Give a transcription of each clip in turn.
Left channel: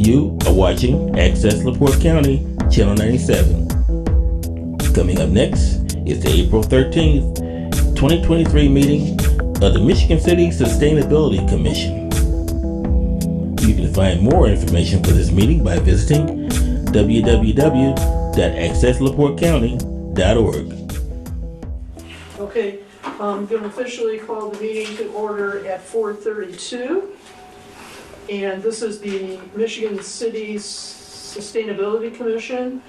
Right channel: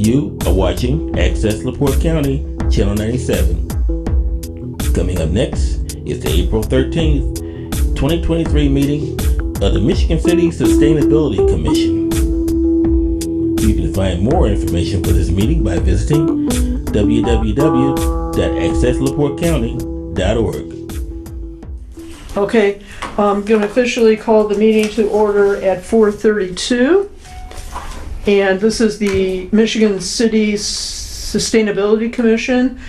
You are watching Access LaPorte County, Channel 97. Coming up next is the April 13th, 2023 meeting of the Michigan City Sustainability Commission. You can find more information for this meeting by visiting www.accesslaportecounty.org. Okay, I'm going to officially call the meeting to order at 4:32. And this is the Michigan City Sustainability Commission,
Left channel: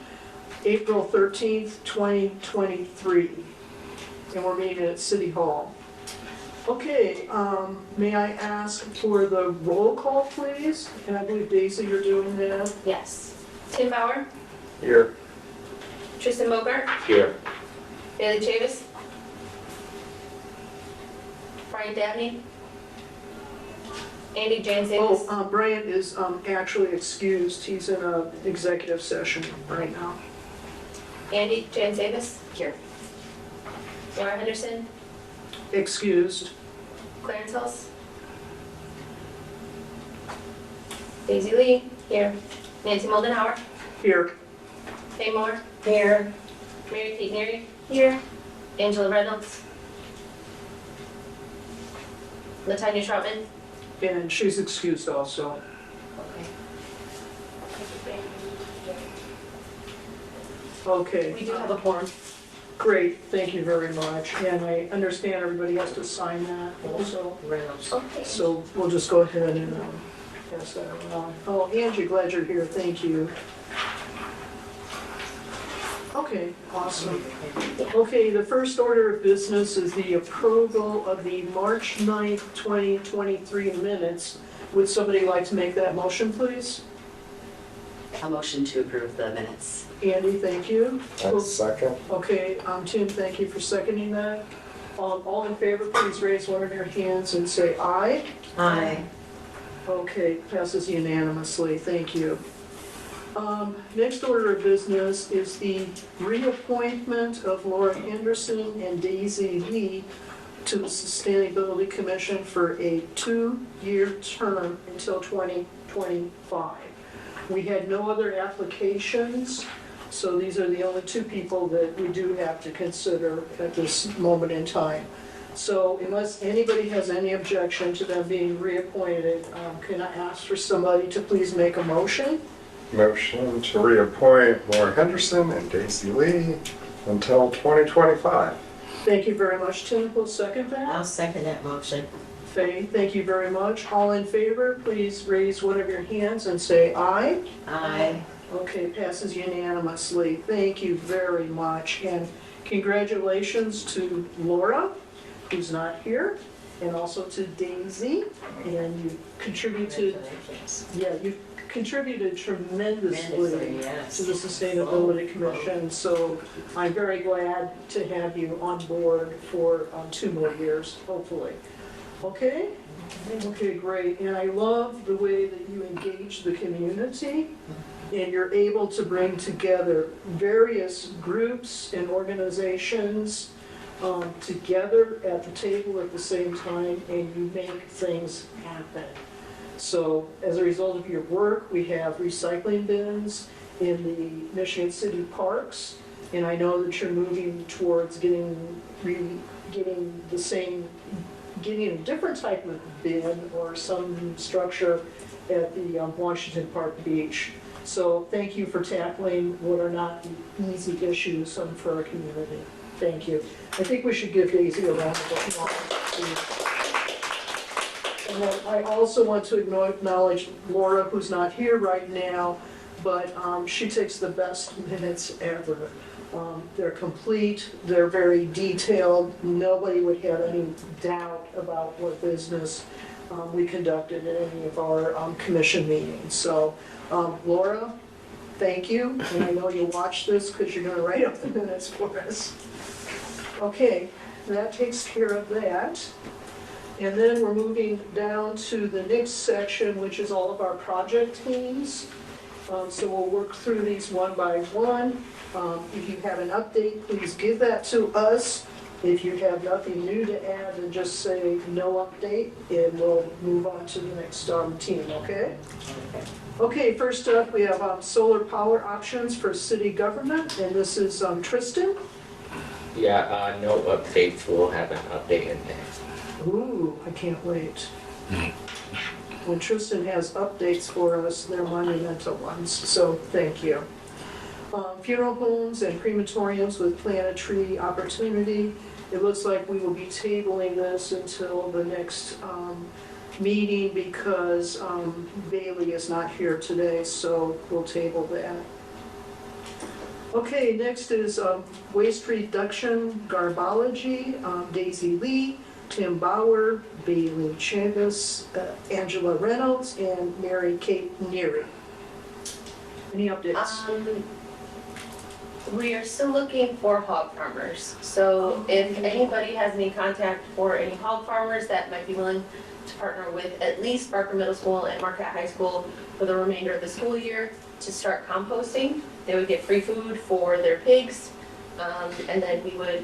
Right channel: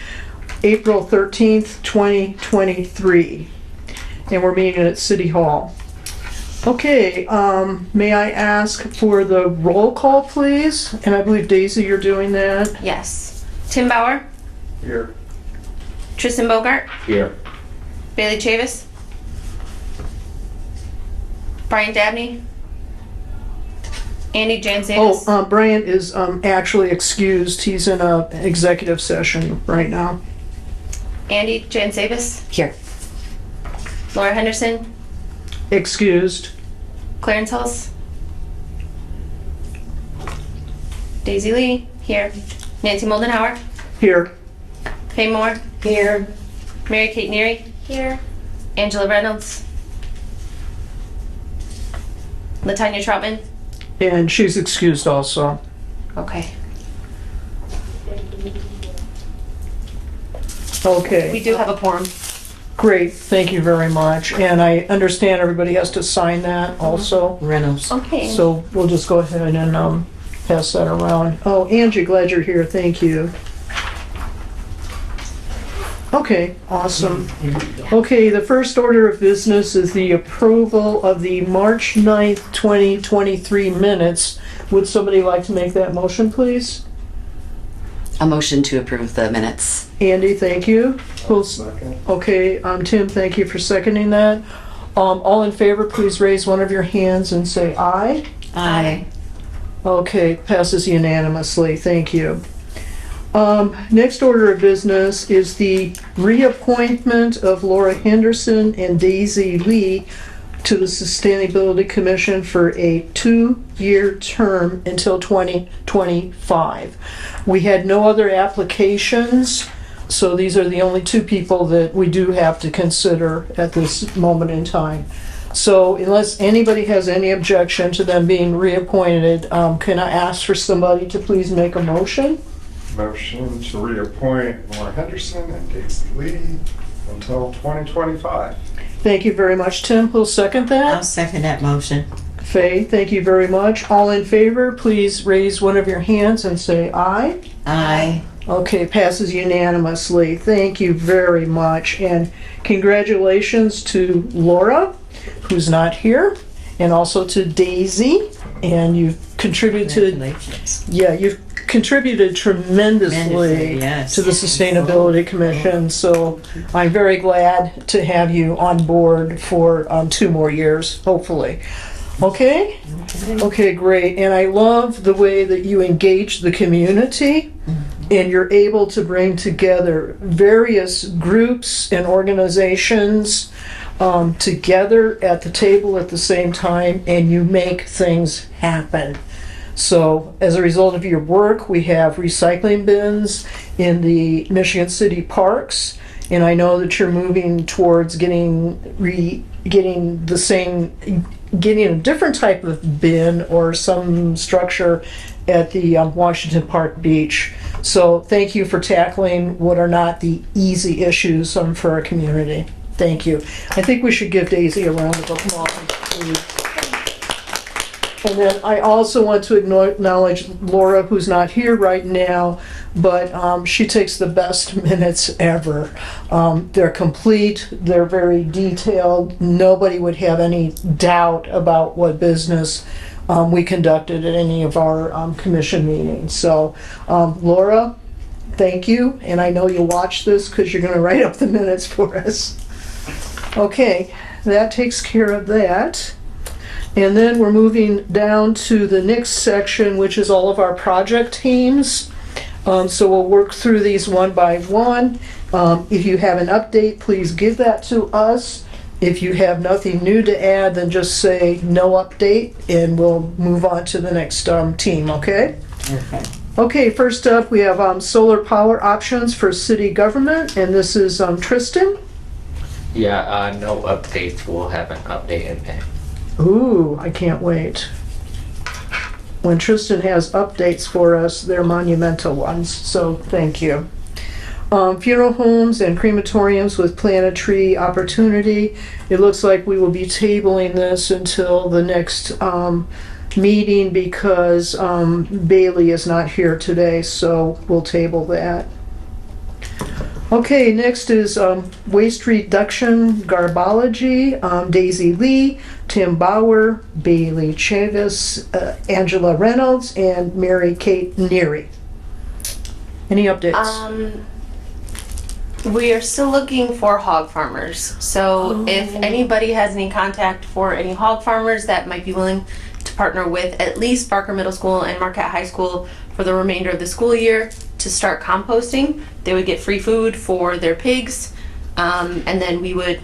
April 13th, 2023. And we're meeting at City Hall. Okay, may I ask for the roll call, please? And I believe, Daisy, you're doing that. Yes. Tim Bauer, Here. Tristan Bogart, Here. Bailey Chavis, Brian Dabney, Andy Jansavis. Brian is actually excused. He's in a executive session right now. Andy Jansavis, Here. Laura Henderson, Excused. Clarence Hulse, Daisy Lee, here. Nancy Moldenhauer, Here. Kay Moore, Here. Mary Kate Neary, here. Angela Reynolds, Latanya Troutman. And she's excused also. Okay. Okay. We do have a quorum. Great, thank you very much. And I understand everybody has to sign that also. Reynolds. Okay. So we'll just go ahead and pass that around. Oh, Angie, glad you're here, thank you. Okay, awesome. Okay, the first order of business is the approval of the March 9th, 2023 minutes. Would somebody like to make that motion, please? A motion to approve the minutes. Andy, thank you. Second. Okay, Tim, thank you for seconding that. All in favor, please raise one of your hands and say aye. Aye. Okay, passes unanimously, thank you. Next order of business is the reappointment of Laura Henderson and Daisy Lee to the Sustainability Commission for a 2-year term until 2025. We had no other applications, so these are the only 2 people that we do have to consider at this moment in time. So unless anybody has any objection to them being reappointed, can I ask for somebody to please make a motion? Motion to reappoint Laura Henderson and Daisy Lee until 2025. Thank you very much, Tim. Who'll second I'll that? second that motion. Faye, thank you very much. All in favor, please raise one of your hands and say aye. Aye. Okay, passes unanimously. Thank you very much. And congratulations to Laura, who's not here, and also to Daisy. And you've contributed, Congratulations. you've contributed tremendously Tremendously, yes. to the Sustainability Commission. So I'm very glad to have you on board for 2 more years, hopefully. Okay? Okay, great. And I love the way that you engage the community and you're able to bring together various groups and organizations together at the table at the same time, and you make things happen. So as a result of your work, we have recycling bins in the Michigan City parks, and I know that you're moving towards getting a different type of bin or some structure at the Washington Park Beach. So thank you for tackling what are not the easy issues for our community. Thank you. I think we should give Daisy a round of applause, please. And then I also want to acknowledge Laura, who's not here right now, but she takes the best minutes ever. They're complete, they're very detailed. Nobody would have any doubt about what business we conducted at any of our commission meetings. So Laura, thank you, and I know you'll watch this because you're going to write up the minutes for us. Okay, that takes care of that. And then we're moving down to the next section, which is all of our project teams. So we'll work through these one by one. If you have an update, please give that to us. If you have nothing new to add, then just say no update and we'll move on to the next team, okay? Okay. Okay, first up, we have solar power options for city government, and this is Tristan. Yeah, no updates. We'll have an update in May. Ooh, I can't wait. When Tristan has updates for us, they're monumental ones, so thank you. Funeral homes and crematoriums with Plant a Tree opportunity. It looks like we will be tabling this until the next meeting because Bailey is not here today, so we'll table that. Okay, next is waste reduction garbology. Daisy Lee, Tim Bauer, Bailey Chavis, Angela Reynolds, and Mary Kate Neary. Any updates? We are still looking for hog farmers. So if anybody has any contact for any hog farmers that might be willing to partner with at least Barker Middle School and Marquette High School for the remainder of the school year to start composting, they would get free food for their pigs, and then we would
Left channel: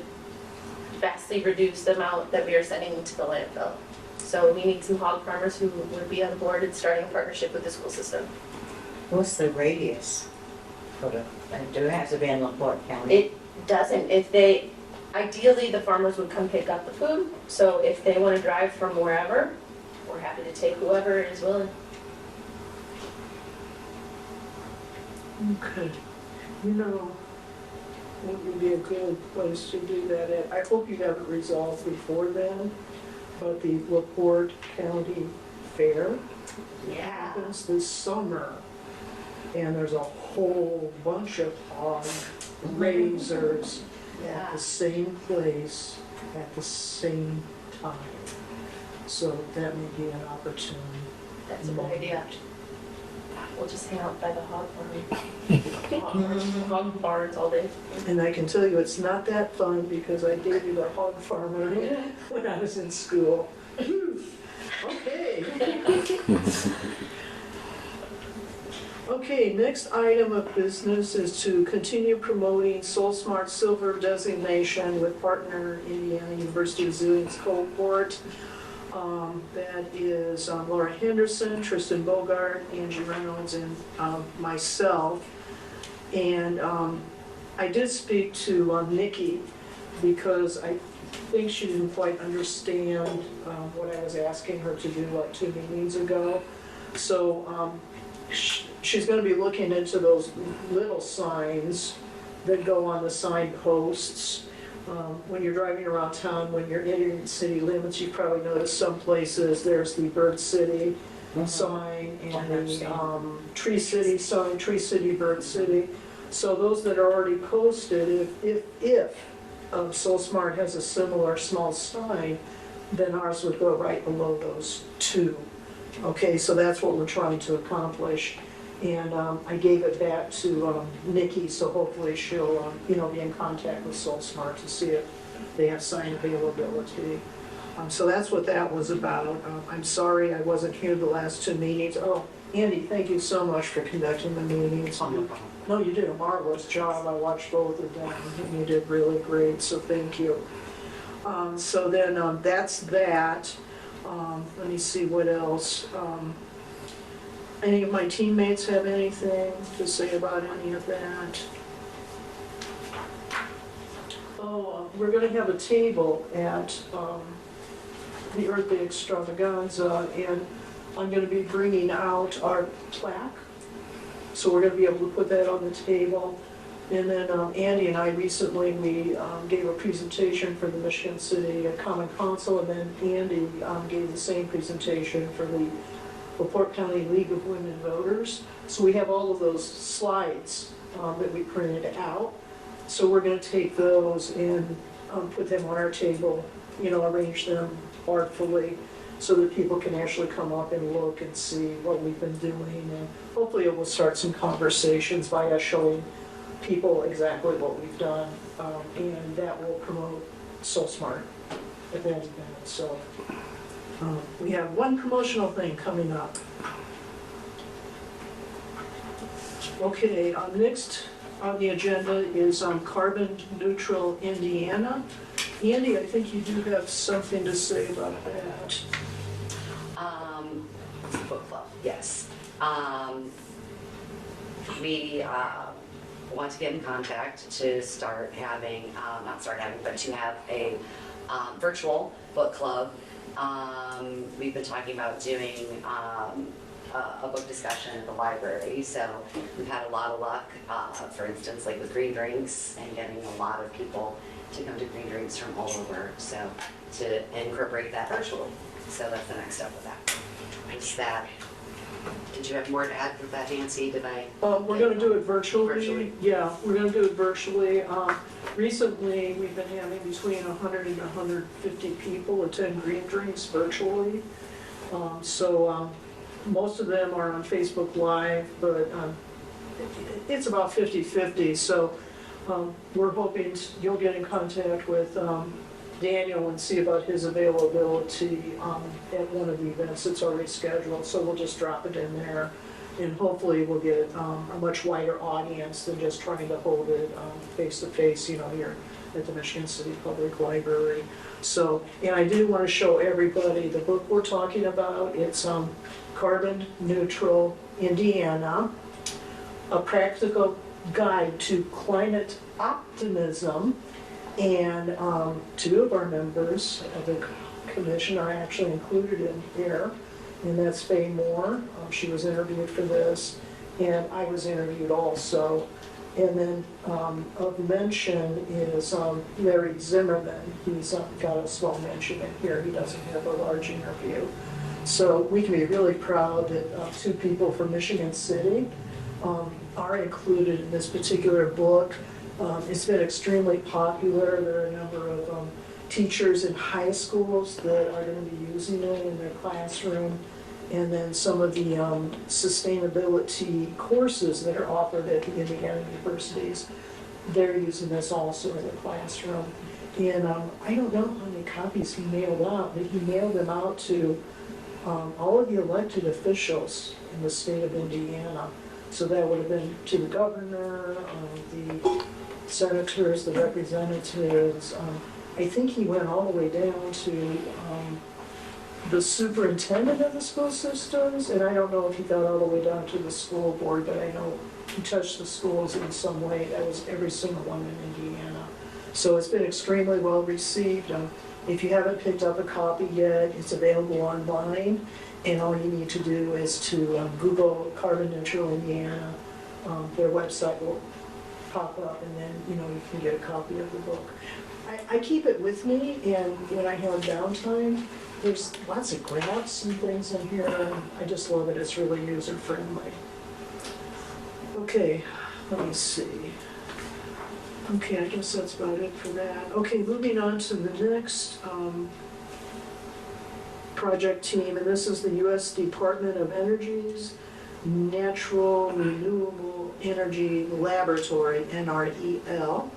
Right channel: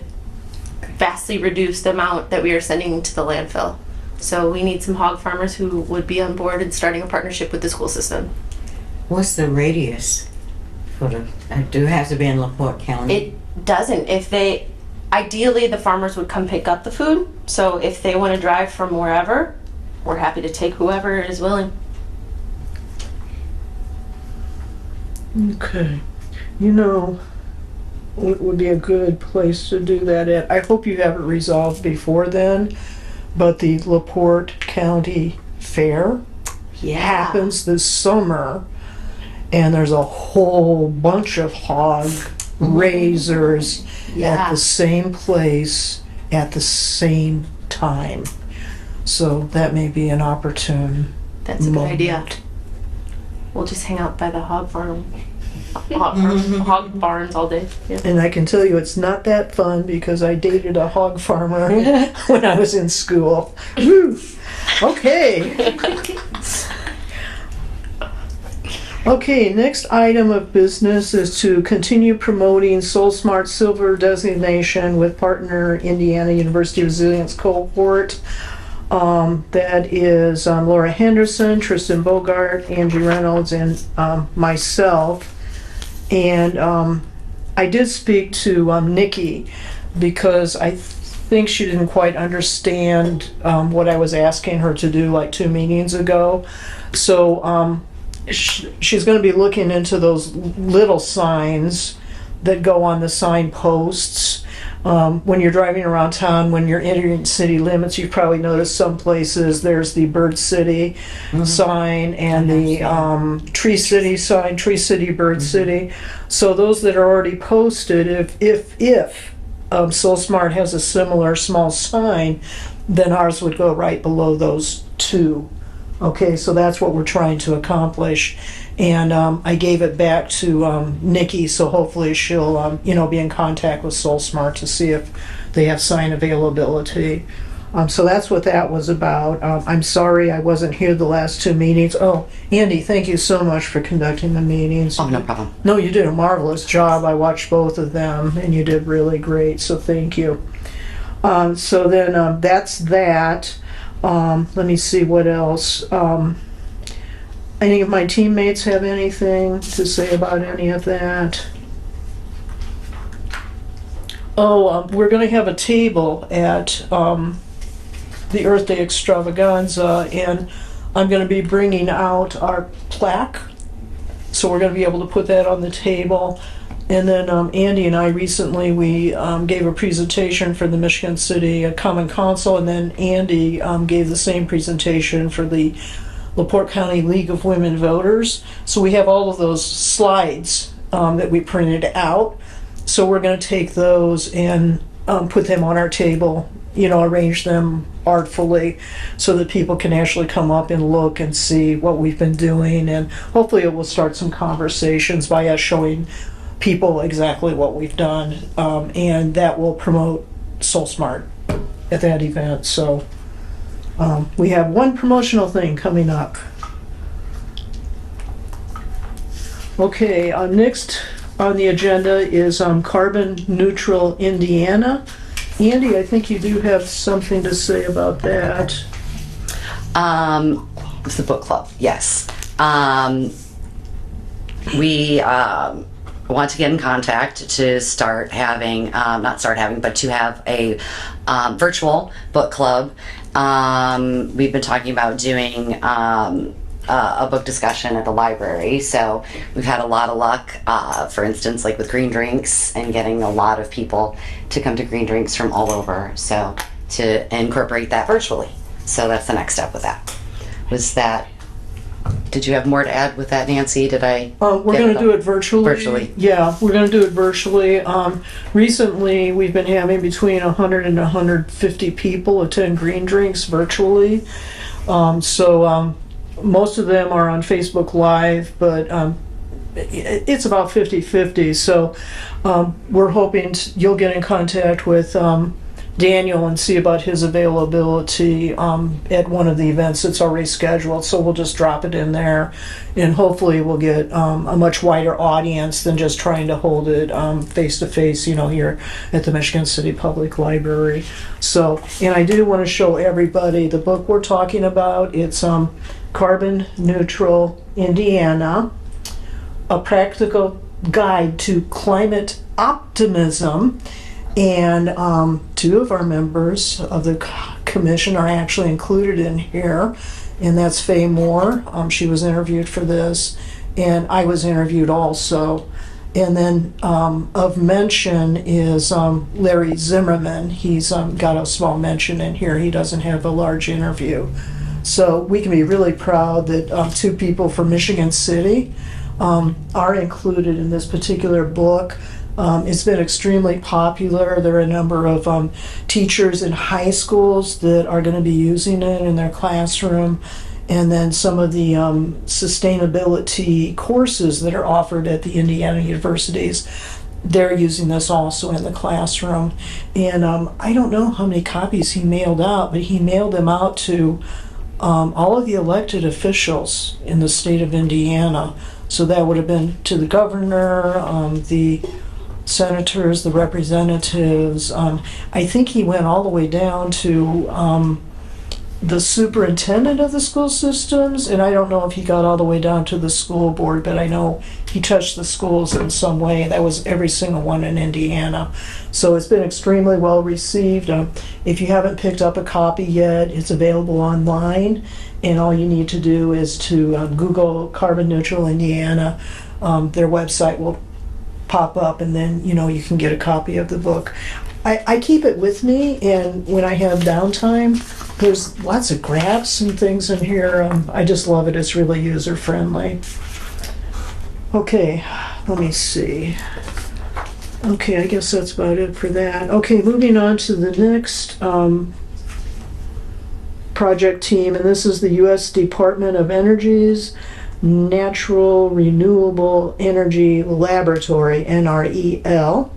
vastly reduce the amount that we are sending to the landfill. So we need some hog farmers who would be on board and starting a partnership with the school system. What's the radius for the, do it have to be in LaPorte County? It doesn't. If they, ideally the farmers would come pick up the food. So if they want to drive from wherever, we're happy to take whoever is willing. Okay. You know, it would be a good place to do that at. I hope you have it resolved before then, but the LaPorte County Fair happens this summer, and there's a whole bunch of hog raisers at the same place at the same time. So that may be an opportune That's a good moment. idea. We'll just hang out by the hog farm, hog barns all day. Yeah. And I can tell you it's not that fun because I dated a hog farmer when I was in school. Woo. Okay. Okay, next item of business is to continue promoting Soul Smart Silver designation with partner Indiana University Resilience Cohort. That is Laura Henderson, Tristan Bogart, Angie Reynolds, and myself. And I did speak to Nikki because I think she didn't quite understand what I was asking her to do like 2 meetings ago. So she's going to be looking into those little signs that go on the signposts. When you're driving around town, when you're entering city limits, you've probably noticed some places there's the Bird City sign and the Tree City sign, Tree City, Bird City. So those that are already posted, if Soul Smart has a similar small sign, then ours would go right below those two. Okay, so that's what we're trying to accomplish. And I gave it back to Nikki, so hopefully she'll, be in contact with Soul Smart to see if they have sign availability. So that's what that was about. I'm sorry I wasn't here the last 2 meetings. Oh, Andy, thank you so much for conducting the meetings. Oh, no problem. No, you did a marvelous job. I watched both of them, and you did really great, so thank you. So then that's that. Let me see what else. Any of my teammates have anything to say about any of that? Oh, we're going to have a table at the Earth Day Extravaganza, and I'm going to be bringing out our plaque. So we're going to be able to put that on the table. And then Andy and I recently, we gave a presentation for the Michigan City Common Council, and then Andy gave the same presentation for the LaPorte County League of Women Voters. So we have all of those slides that we printed out. So we're going to take those and put them on our table, arrange them artfully so that people can actually come up and look and see what we've been doing. And hopefully it will start some conversations by us showing people exactly what we've done. And that will promote Soul Smart at that event. So we have one promotional thing coming up. Okay, next on the agenda is Carbon Neutral Indiana. Andy, I think you do have something to say about that. It's the book club, yes. We want to get in contact to start having, not start having, but to have a virtual book club. We've been talking about doing a book discussion at the library. So we've had a lot of luck, for instance, like with Green Drinks and getting a lot of people to come to Green Drinks from all over. So to incorporate that virtually. So that's the next step with that. Did you have more to add with that, Nancy? Did I? We're get going to do it virtually. Virtually. Yeah, we're going to do it virtually. Recently, we've been having between 100 and 150 people attend Green Drinks virtually. Most of them are on Facebook Live, but it's about 50-50. So we're hoping you'll get in contact with Daniel and see about his availability at one of the events that's already scheduled. So we'll just drop it in there, and hopefully we'll get a much wider audience than just trying to hold it face to face, here at the Michigan City Public Library. So, and I do want to show everybody the book we're talking about. It's Carbon Neutral Indiana, a practical guide to climate optimism. And two of our members of the commission are actually included in here, and that's Faye Moore. She was interviewed for this, and I was interviewed also. And then of mention is Larry Zimmerman. He's got a small mention in here. He doesn't have a large interview. So we can be really proud that two people from Michigan City are included in this particular book. It's been extremely popular. There are a number of teachers in high schools that are going to be using it in their classroom. And then some of the sustainability courses that are offered at the Indiana universities, they're using this also in the classroom. And I don't know how many copies he mailed out, but he mailed them out to all of the elected officials in the state of Indiana. So that would have been to the governor, the senators, the representatives. I think he went all the way down to the superintendent of the school systems, and I don't know if he got all the way down to the school board, but I know he touched the schools in some way. That was every single one in Indiana. So it's been extremely well received. If you haven't picked up a copy yet, it's available online, and all you need to do is to Google Carbon Neutral Indiana. Their website will pop up, and then you can get a copy of the book. I keep it with me, and when I have downtime, there's lots of graphs and things in here. I just love it. It's really user friendly. Okay, let me see. Okay, I guess that's about it for that. Okay, moving on to the next project team, and this is the U.S. Department of Energy's Natural Renewable Energy Laboratory, NREL.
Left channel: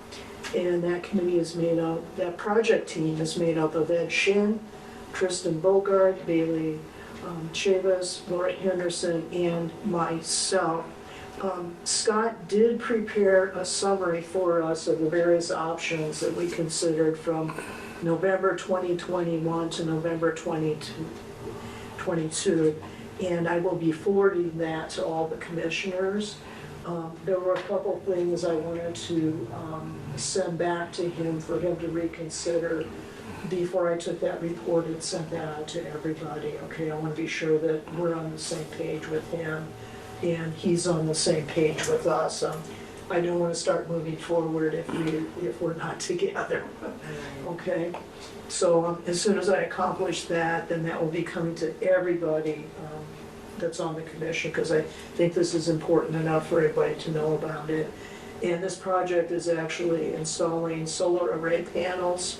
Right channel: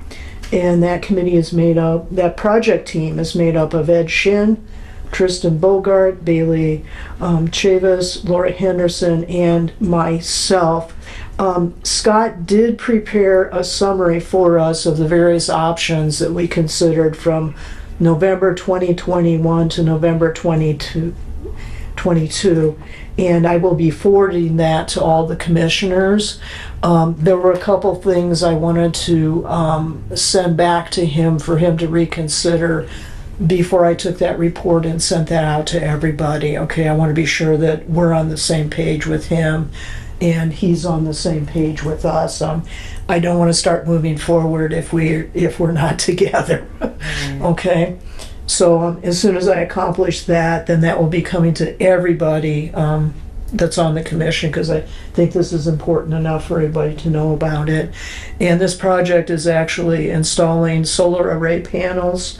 And that committee is made up, that project team is made up of Ed Shin, Tristan Bogart, Bailey Chavis, Laura Henderson, and myself. Scott did prepare a summary for us of the various options that we considered from November 2021 to November 2022. And I will be forwarding that to all the commissioners. There were a couple things I wanted to send back to him for him to reconsider before I took that report and sent that out to everybody. Okay, I want to be sure that we're on the same page with him and he's on the same page with us. I don't want to start moving forward if we're not together. Okay. So as soon as I accomplish that, then that will be coming to everybody that's on the commission, because I think this is important enough for everybody to know about it. And this project is actually installing solar array panels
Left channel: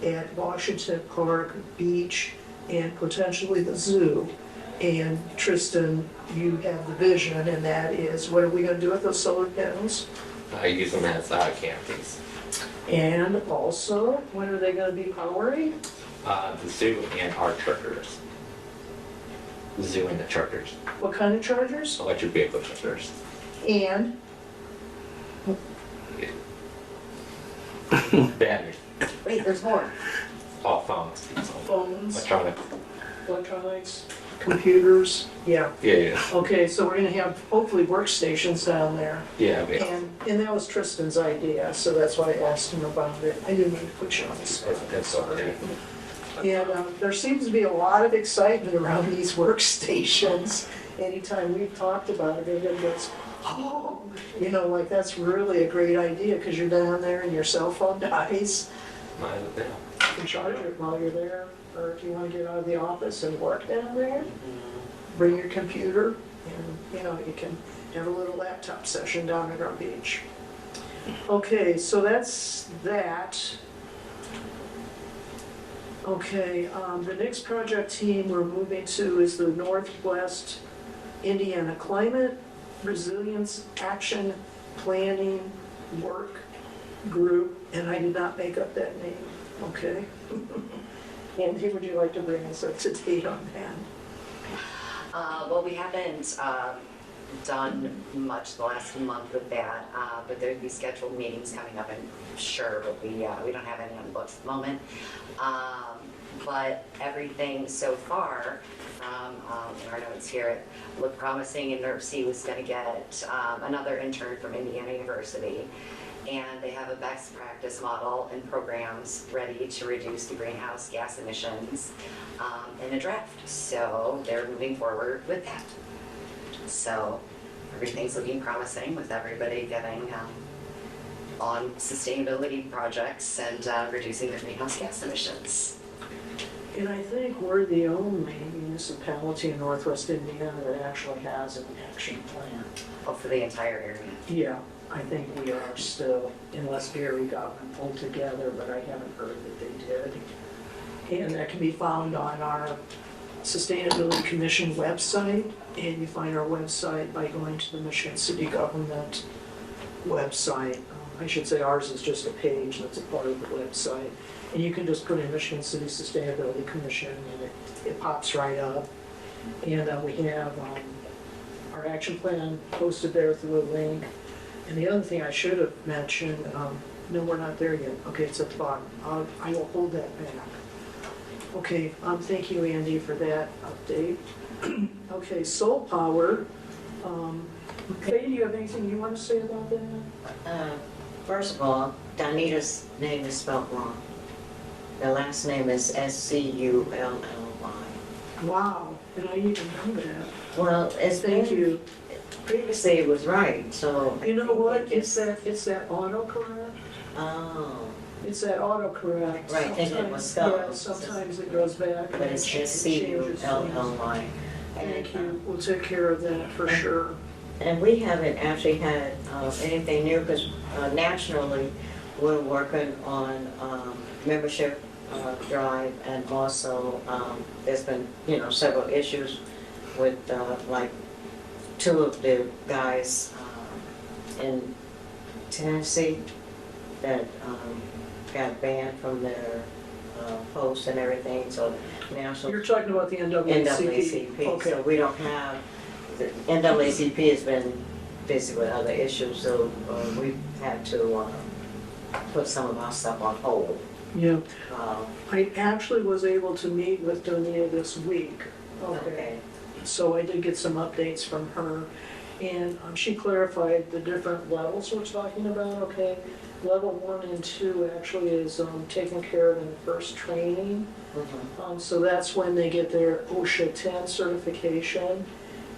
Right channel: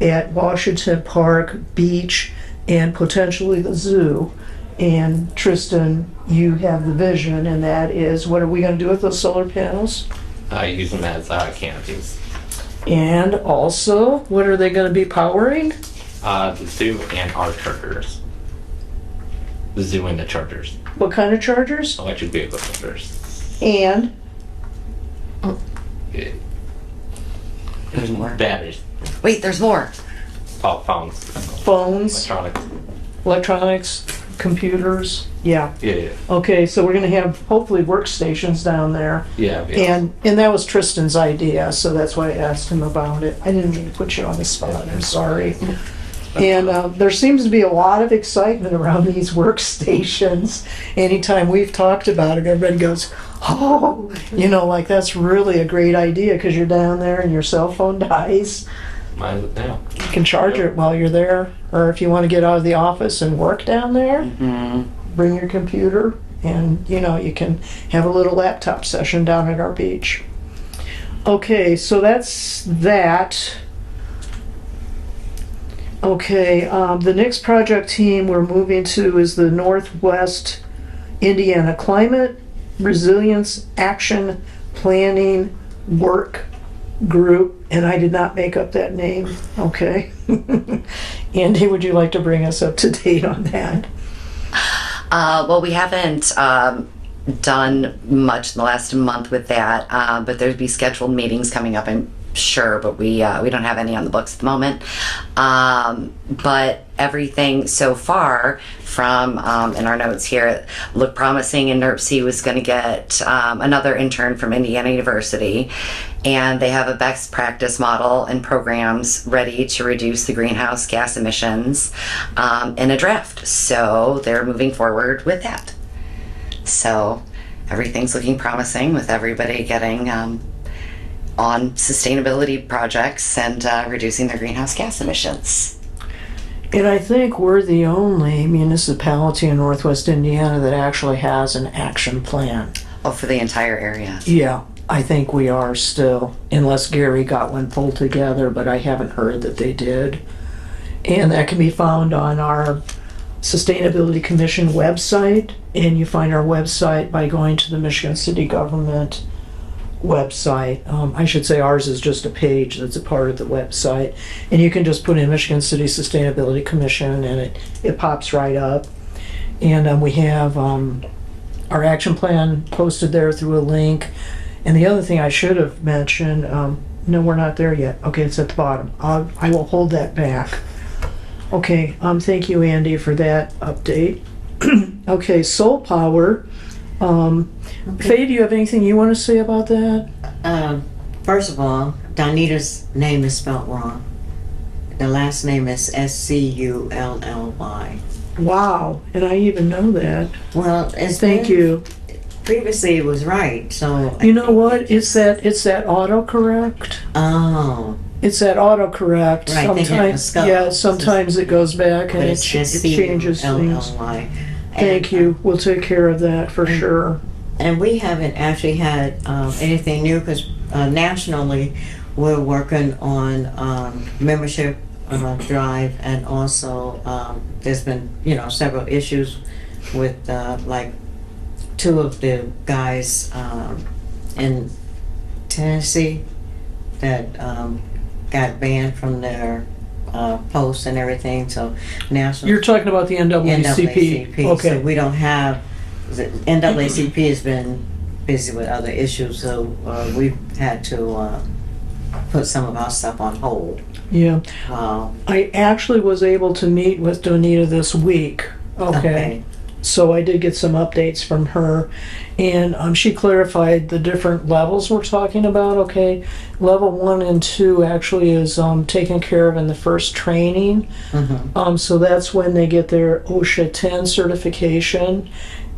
at Washington Park, Beach, and potentially the zoo. And Tristan, you have the vision, and that is, what are we going to do with those solar panels? Use them as canopies. And also, what are they going to be powering? The zoo and our chargers. The zoo and the chargers. What kind of chargers? Electric vehicle chargers. And There's more. Batteries. Wait, there's more. Oh, phones. phones, Electronics. electronics. computers? Yeah. Yeah. Okay, so we're gonna have hopefully workstations down there. Yeah. And that was Tristan's idea, so that's why I asked him about it. I didn't mean to put you on the spot, I'm sorry. And there seems to be a lot of excitement around these workstations. Anytime we've talked about it, everybody goes, oh, you know, like that's really a great idea because you're down there and your cell phone dies. Mine's down. You can charge it while you're there, or if you want to get out of the office and work down there, bring your computer and, you know, you can have a little laptop session down at our beach. Okay, so that's that. Okay, the next project team we're moving to is the Northwest Indiana Climate Resilience Action Planning Work Group, and I did not make up that name, okay? Andy, would you like to bring us up to date on that? Well, we haven't done much in the last month with that, but there'd be scheduled meetings coming up, I'm sure, but we don't have any on the books at the moment. But everything so far from in our notes here looked promising, and NERC was going to get another intern from Indiana University, and they have a best practice model and programs ready to reduce the greenhouse gas emissions in a draft. So they're moving forward with that. So everything's looking promising with everybody getting on sustainability projects and reducing their greenhouse gas emissions. And I think we're the only municipality in Northwest Indiana that actually has an action plan. Oh, for the entire area. Yeah, I think we are still, unless Gary got one pulled together, but I haven't heard that they did. And that can be found on our Sustainability Commission website, and you find our website by going to the Michigan City Government website. I should say ours is just a page that's a part of the website, and you can just put in Michigan City Sustainability Commission and it pops right up. And we have our action plan posted there through a link. And the other thing I should have mentioned, no, we're not there yet. Okay, it's at the bottom. I will hold that back. Okay, thank you, Andy, for that update. Okay, Soul Power. Faye, do you have anything you want to say about that? First of all, Donita's name is spelled wrong. The last name is Scully. Wow, and I even know that. Well, Thank you. Previously it was right, so. You know what? It's that autocorrect. Oh, It's that autocorrect. Right, they have a skull. Yeah, sometimes it goes back and but it it's just changes things. Scully. Thank you. We'll take care of that for sure. And we haven't actually had anything new because nationally we're working on membership drive, and also there's been several issues with like two of the guys in Tennessee that got banned from their posts and everything. So national. You're talking about the NAACP. NAACP. Okay. So we don't have. The NAACP has been busy with other issues, so we've had to put some of our stuff on hold. Yeah. Wow. I actually was able to meet with Donita this week. Okay. So I did get some updates from her, and she clarified the different levels we're talking about. Okay. Level 1 and 2 actually is taken care of in the first training. Mm-hmm. So that's when they get their OSHA 10 certification.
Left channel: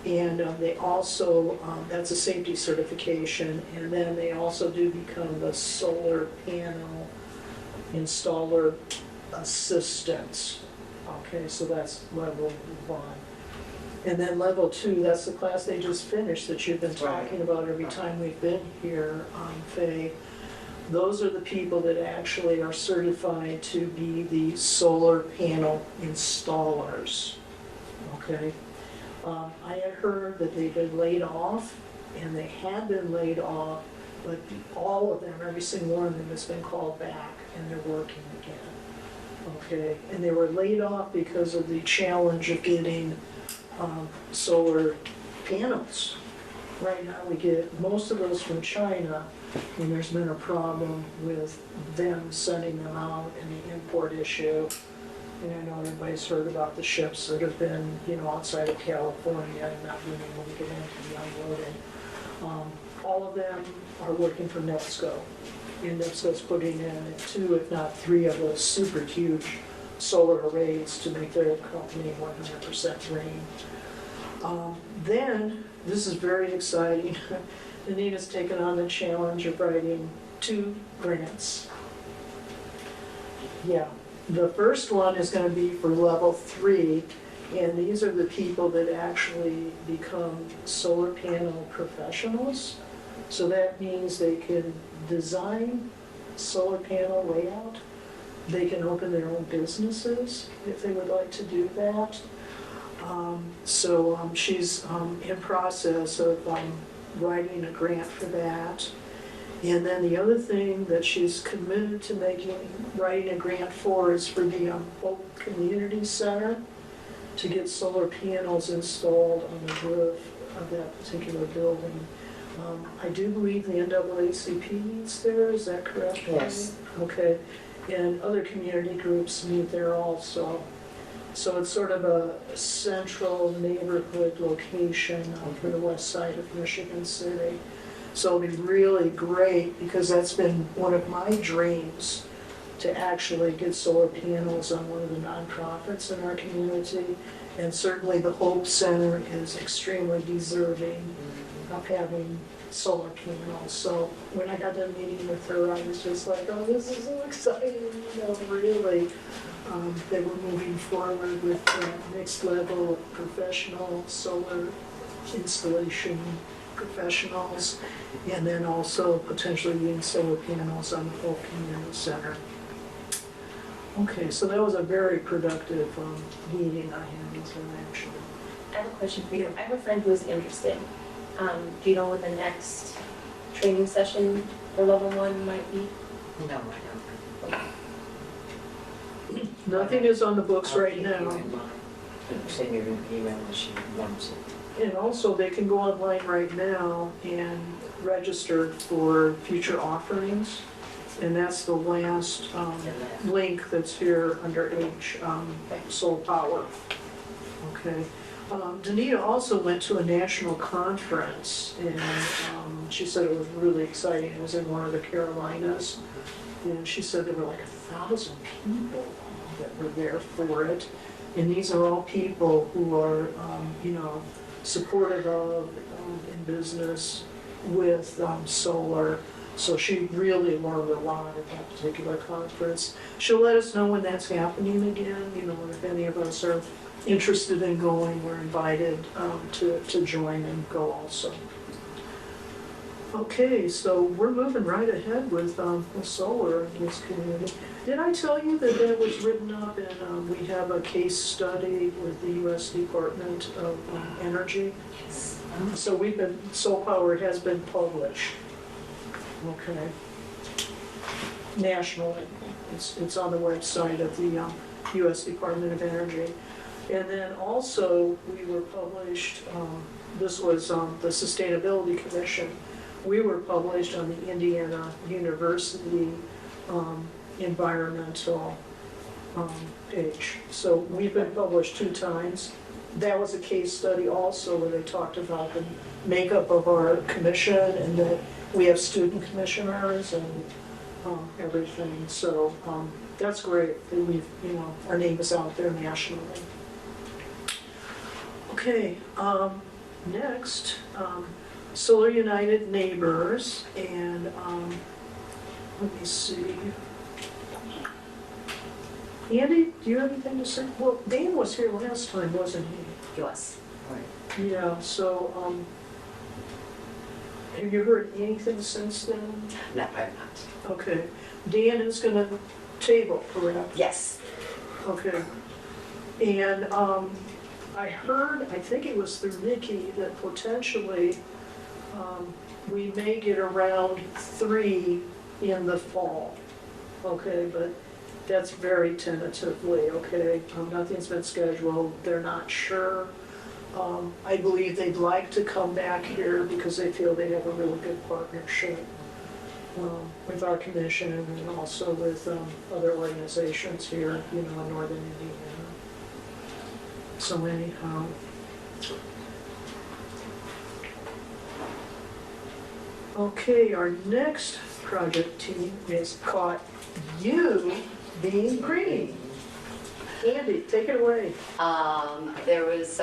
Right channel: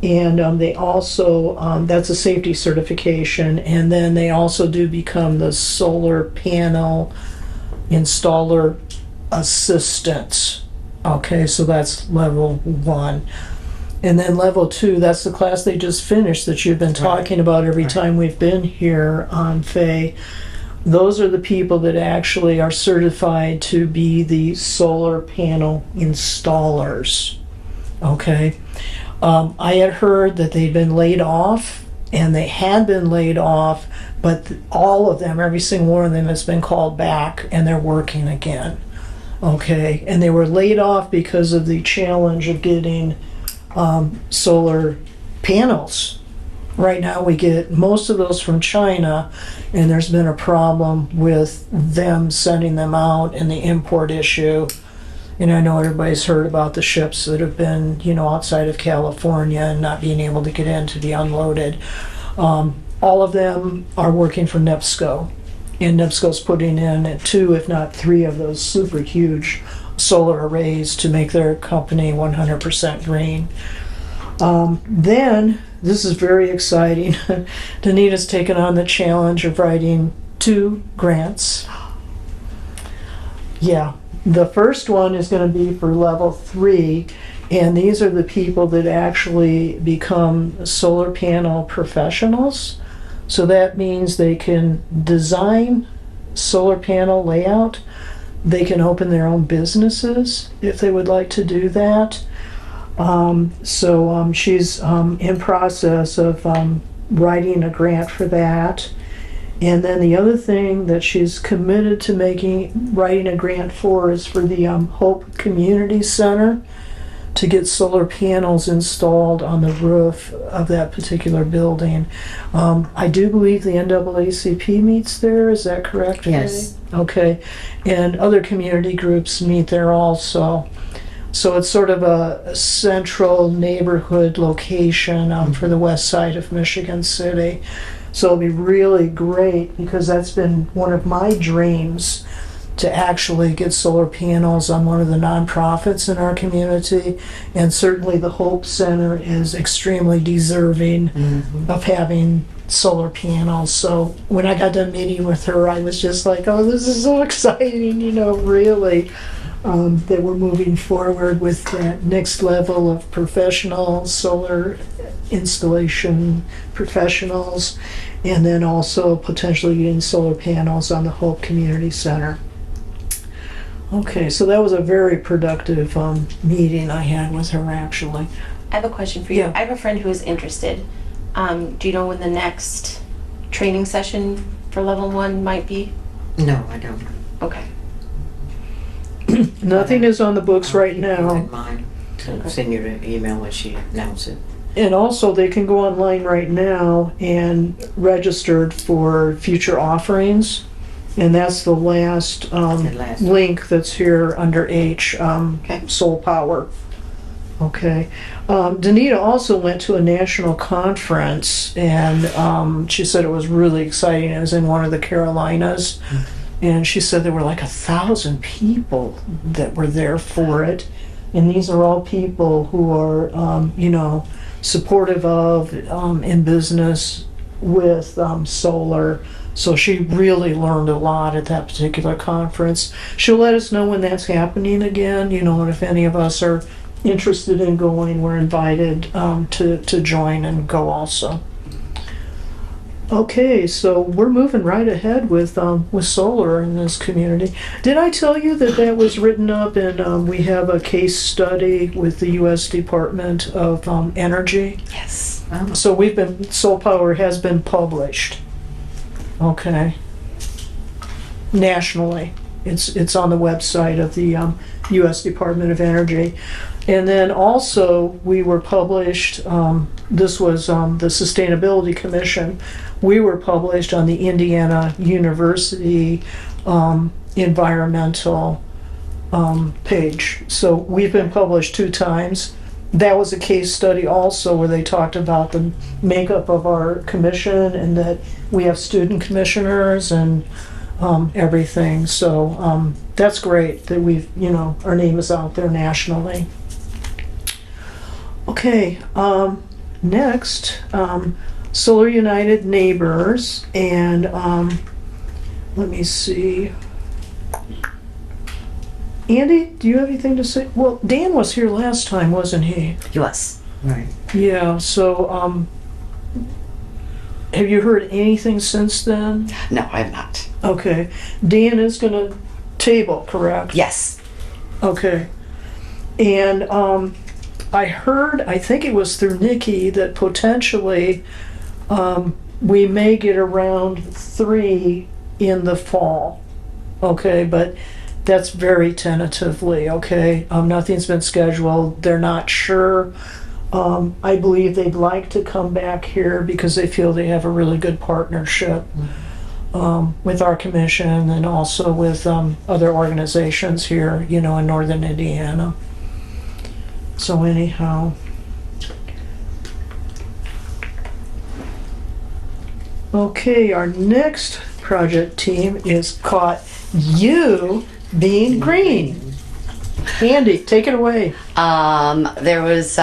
And they also, that's a safety certification, and then they also do become the solar panel installer assistant. Okay, so that's level 1. And then level 2, that's the class they just finished that you've been talking about every time we've been here, Faye. Those are the people that actually are certified to be the solar panel installers. Okay. I had heard that they'd been laid off, and they had been laid off, but all of them, every single one of them has been called back, and they're working again. Okay, and they were laid off because of the challenge of getting solar panels. Right now we get most of those from China, and there's been a problem with them sending them out and the import issue. And I know everybody's heard about the ships that have been, outside of California and not being able to get in to be unloaded. All of them are working for NIPSCO. And NIPSCO's putting in 2, if not 3 of those super huge solar arrays to make their company 100% green. Then, this is very exciting, Danita's taken on the challenge of writing 2 grants. Yeah, the first one is going to be for level 3, and these are the people that actually become solar panel professionals. So that means they can design solar panel layout. They can open their own businesses if they would like to do that. She's in process of writing a grant for that. And then the other thing that she's committed to writing a grant for is for the Hope Community Center to get solar panels installed on the roof of that particular building. I do believe the NAACP meets there, is that correct? Yes. Okay, and other community groups meet there also. So it's sort of a central neighborhood location for the west side of Michigan City. So it'll be really great because that's been one of my dreams, to actually get solar panels on one of the nonprofits in our community. And certainly the Hope Center is extremely deserving of having solar panels. So when I got done meeting with her, I was just like, oh, this is so exciting, really, that we're moving forward with that next level of professional solar installation professionals, and then also potentially getting solar panels on the Hope Community Center. Okay, so that was a very productive meeting I had with her, actually. I have a question for you. Yeah. I have a friend who is interested. Do you know when the next training session for level 1 might be? No, I don't. Okay. Nothing is on the books right In now. mind to send you an email when she announces it. And also, they can go online right now and register for future offerings. And that's the last last. link that's here under H, Okay. Soul Power. Okay. Danita also went to a national conference, and she said it was really exciting. It was in one of the Carolinas. And she said there were like 1,000 people that were there for it. And these are all people who are, supportive of, in business with solar. So she really learned a lot at that particular conference. She'll let us know when that's happening again, and if any of us are interested in going, we're invited to join and go also. Okay, so we're moving right ahead with solar in this community. Did I tell you that was written up, and we have a case study with the U.S. Department of Energy? Yes. So Soul Power has been published. Okay. Nationally, it's on the website of the U.S. Department of Energy. And then also we were published, this was the Sustainability Commission. We were published on the Indiana University environmental page. So we've been published 2 times. That was a case study also where they talked about the makeup of our commission and that we have student commissioners and everything. So that's great that we've, our name is out there nationally. Okay, next, Solar United Neighbors, and let me see. Andy, do you have anything to say? Well, Dan was here last time, wasn't he? US. Right. Yeah, so have you heard anything since then? No, I have not. Okay, Dan is gonna table, correct? Yes. Okay. And I heard, I think it was through Nikki, that potentially we may get around 3 in the fall. Okay, but that's very tentatively, okay? Nothing's been scheduled. They're not sure. I believe they'd like to come back here because they feel they have a really good partnership. with our commission and also with other organizations here, you know, in northern Indiana. So anyhow. Okay, our next project team is Caught You Being Green. Andy, take it away. There was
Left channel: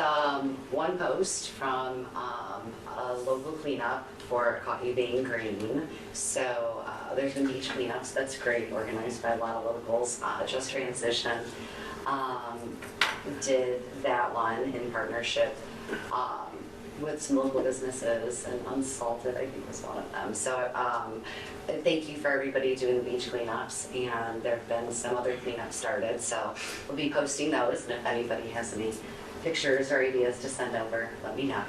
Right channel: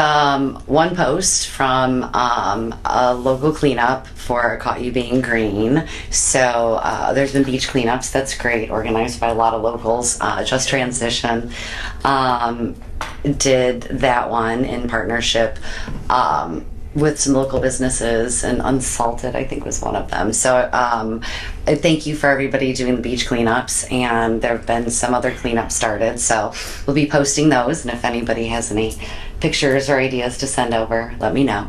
one post from a local cleanup for Caught You Being Green. So there's been beach cleanups. That's great, organized by a lot of locals. Just Transition did that one in partnership with some local businesses, and Unsalted, I think, was one of them. So thank you for everybody doing the beach cleanups, and there have been some other cleanups started, so we'll be posting those, and if anybody has any pictures or ideas to send over, let me know.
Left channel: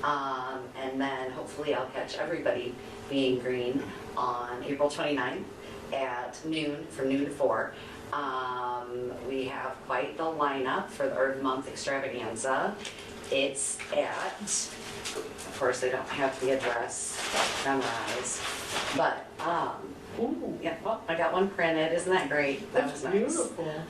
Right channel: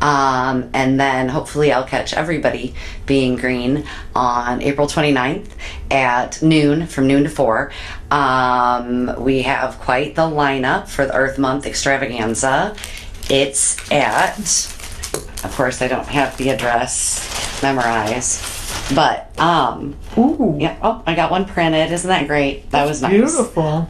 And then hopefully I'll catch everybody being green on April 29th at noon, from noon to 4. We have quite the lineup for the Earth Month extravaganza. It's at, of course I don't have the address memorized, but Ooh, yeah, oh, I got one printed. Isn't that great? That was nice. beautiful.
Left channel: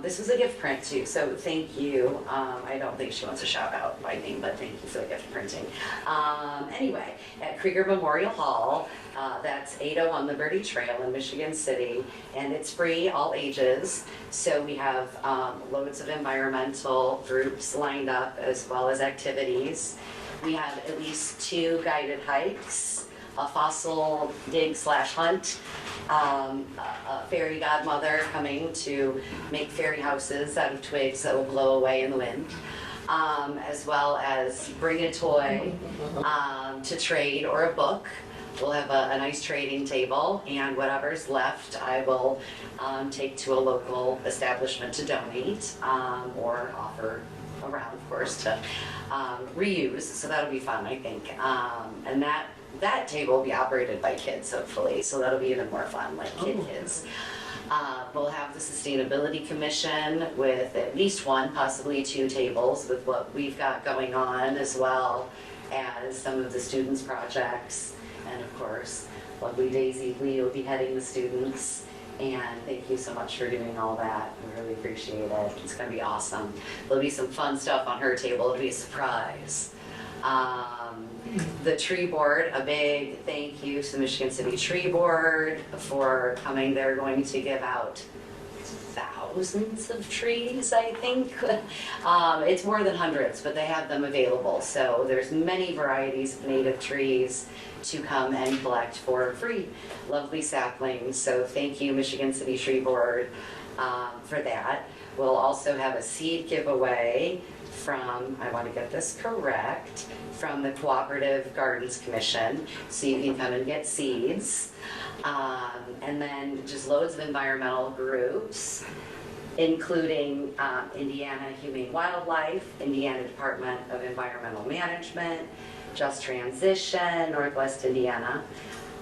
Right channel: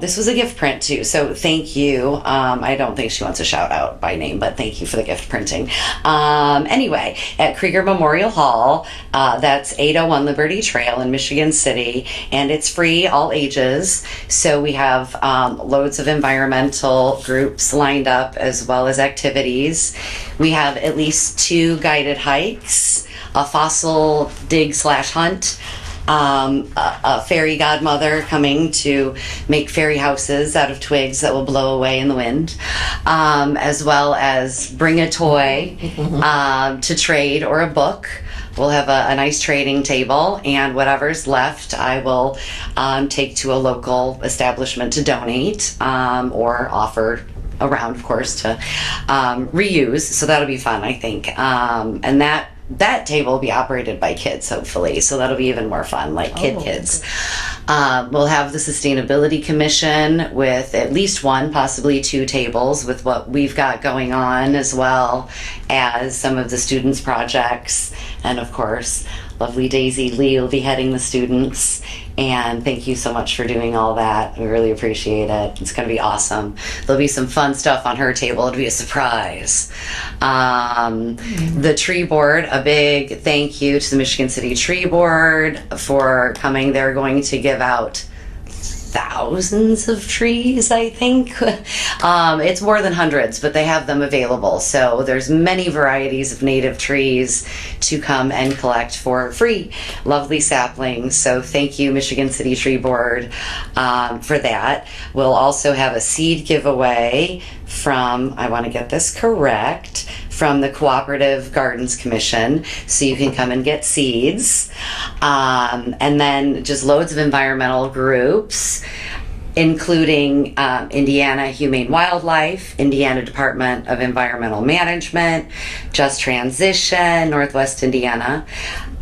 This was a gift print too, so thank you. I don't think she wants a shout out by name, but thank you for the gift printing. Anyway, at Krieger Memorial Hall, that's 801 Liberty Trail in Michigan City, and it's free, all ages. So we have loads of environmental groups lined up, as well as activities. We have at least 2 guided hikes, a fossil dig / hunt, a fairy godmother coming to make fairy houses out of twigs that will blow away in the wind, as well as bring a toy to trade, or a book. We'll have a nice trading table, and whatever's left I will take to a local establishment to donate, or offer around, of course, to reuse. So that'll be fun, I think. And that table will be operated by kids, hopefully, so that'll be even more fun, like kids. We'll have the Sustainability Commission with at least 1, possibly 2 tables with what we've got going on, as well as some of the students' projects. And of course, lovely Daisy Lee will be heading the students. And thank you so much for doing all that. We really appreciate it. It's going to be awesome. There'll be some fun stuff on her table. It'll be a surprise. The tree board, a big thank you to the Michigan City Tree Board for coming. They're going to give out thousands of trees, I think. It's more than hundreds, but they have them available. So there's many varieties of native trees to come and collect for free. Lovely saplings. So thank you, Michigan City Tree Board, for that. We'll also have a seed giveaway from, I want to get this correct, from the Cooperative Gardens Commission, so you can come and get seeds. And then just loads of environmental groups, including Indiana Humane Wildlife, Indiana Department of Environmental Management, Just Transition, Northwest Indiana,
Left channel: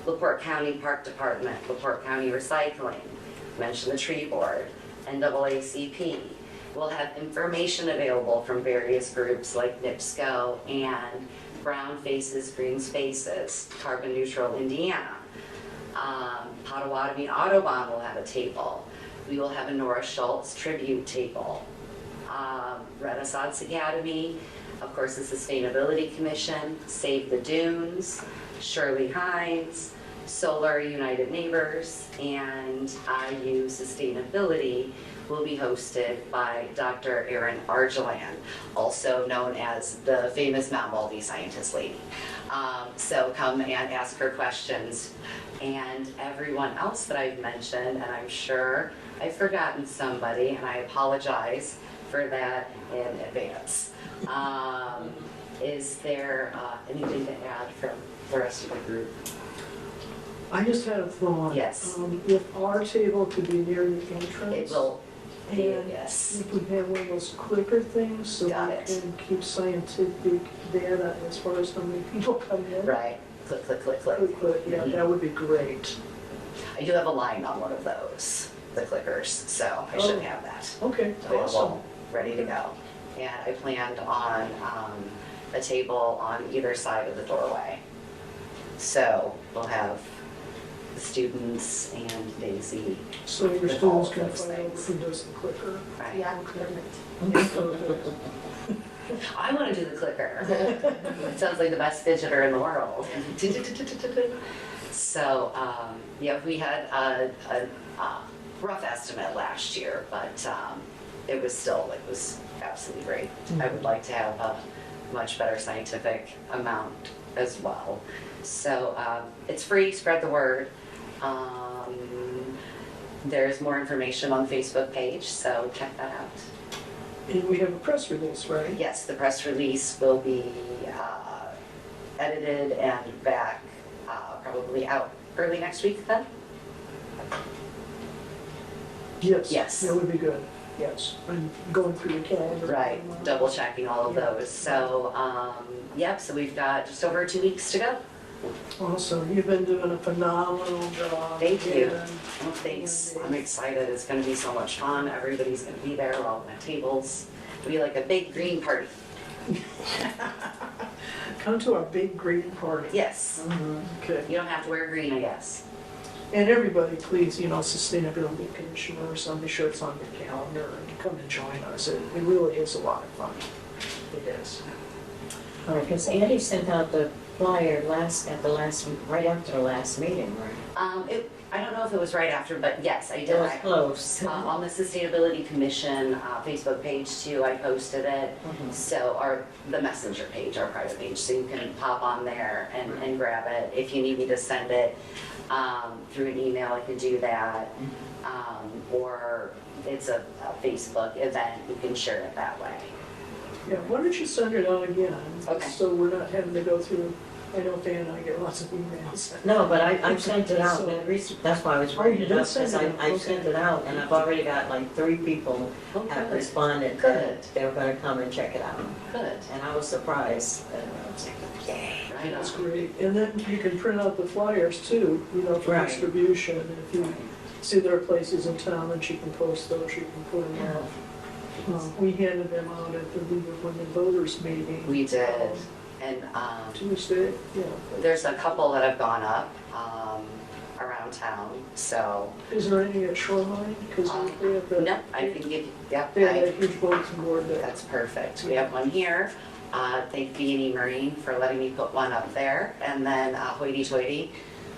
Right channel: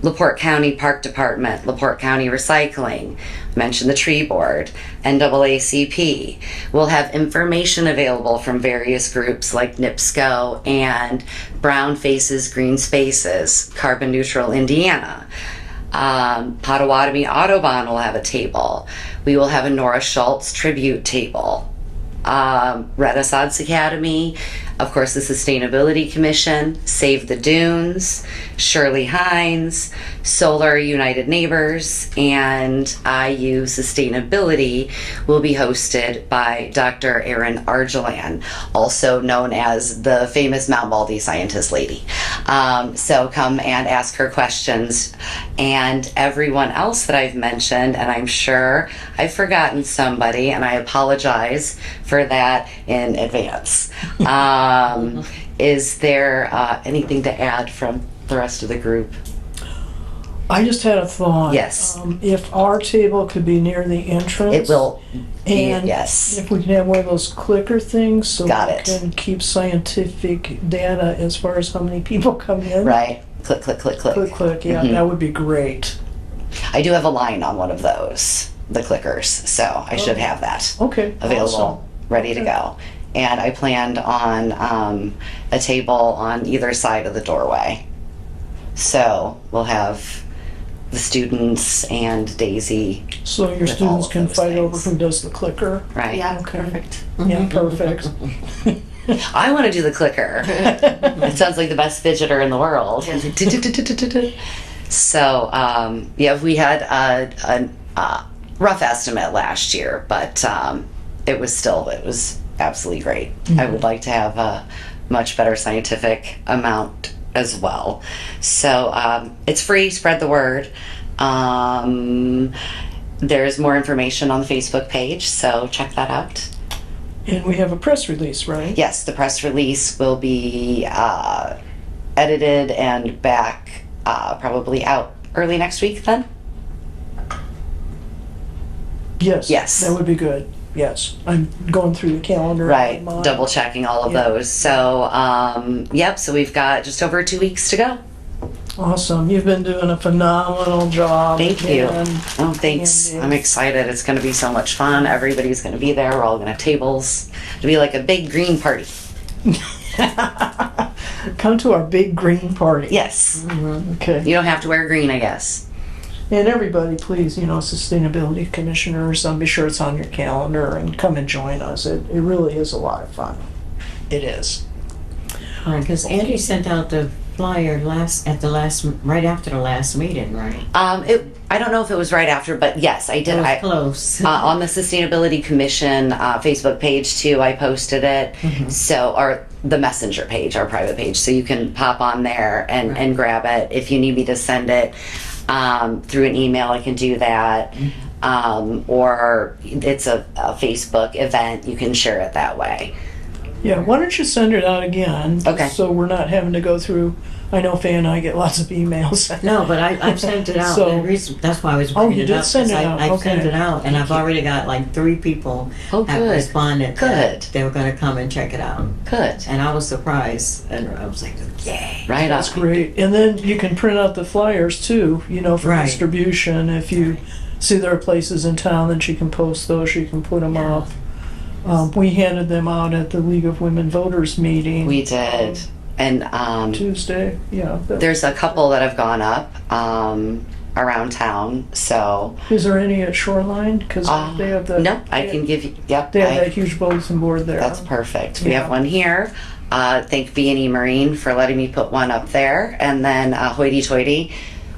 LaPorte County Park Department, LaPorte County Recycling, mentioned the Tree Board, NAACP. We'll have information available from various groups like NIPSCO and Brown Faces, Green Spaces, Carbon Neutral Indiana. Potawatomi Audubon will have a table. We will have a Nora Schultz tribute table. Renaissance Academy, of course the Sustainability Commission, Save the Dunes, Shirley Hines, Solar United Neighbors, and IU Sustainability will be hosted by Dr. Erin Argelan, also known as the famous Mount Baldy scientist lady. So come and ask her questions. And everyone else that I've mentioned, and I'm sure I've forgotten somebody, and I apologize for that in advance. Is there anything to add from the rest of the group? I just had a thought. Yes. If our table could be near the entrance. It will be, And yes. if we can have one of those clicker things so Got we it. can keep scientific data as far as how many people come in. Right. Click, click, click, click. Click, click, yeah, Mhm. that would be great. I do have a line on one of those, the clickers, so I should Oh. have that Okay, available, awesome. ready to go. And I planned on a table on either side of the doorway. So we'll have the students and Daisy, So your With all students of can those fight over things. who does the clicker? right? Yeah, Okay. perfect. Yeah, perfect. I want to do the clicker. It sounds like the best fidgeter in the world. So, yeah, we had a rough estimate last year, but it was absolutely great. I would like to have a much better scientific amount as well. So, it's free, spread the word. There's more information on the Facebook page, so check that out. And we have a press release, right? Yes, the press release will be edited and back, probably out early next week then. Yes. Yes. That would be good. Yes. I'm going through the calendar. Right, online. double checking all of Yeah. those. So, yep, so we've got just over 2 weeks to go. Awesome. You've been doing a phenomenal job. Thank you. and- Oh, thanks. and- I'm excited. It's going to be so much fun. Everybody's going to be there. We're all going to have tables. It'll be like a big green party. Come to our big green party. Yes. Okay. You don't have to wear green, I guess. And everybody, please, sustainability commissioners, be sure it's on your calendar and come and join us. It really is a lot of fun. It is. Right, because Andy sent out the flyer right after the last meeting, right? I don't know if it was right after, but yes, I did. It was I, close. on the Sustainability Commission Facebook page too, I posted it. So, or the messenger page, our private page, so you can pop on there and grab it. If you need me to send it through an email, I can do that. Or it's a Facebook event, you can share it that way. Yeah, why don't you send it out again? Okay. So we're not having to go through, I know Faye and I get lots of emails. No, but I've sent it out. So- And that's why I was Oh, bringing you it did up. send 'Cause it out, I've sent okay. it out, and I've already got like 3 people Oh, have good. responded Good. that they were going to come and check it out. Good. And I was surprised, and I was like, yay. Right That's on. great. And then you can print out the flyers too, for Right. distribution. If you see there are places in town, then she can post those, she can put them up. We handed them out at the League of Women Voters meeting. We did. And Tuesday, yeah. there's a couple that have gone up around town. So, Is there any at Shoreline? Because they have the. no, I can give you, yep. They have I- that huge bulletin board there. That's perfect. We Yeah. have one here. Thank B&E Marine for letting me put one up there. And then Hoity Toity,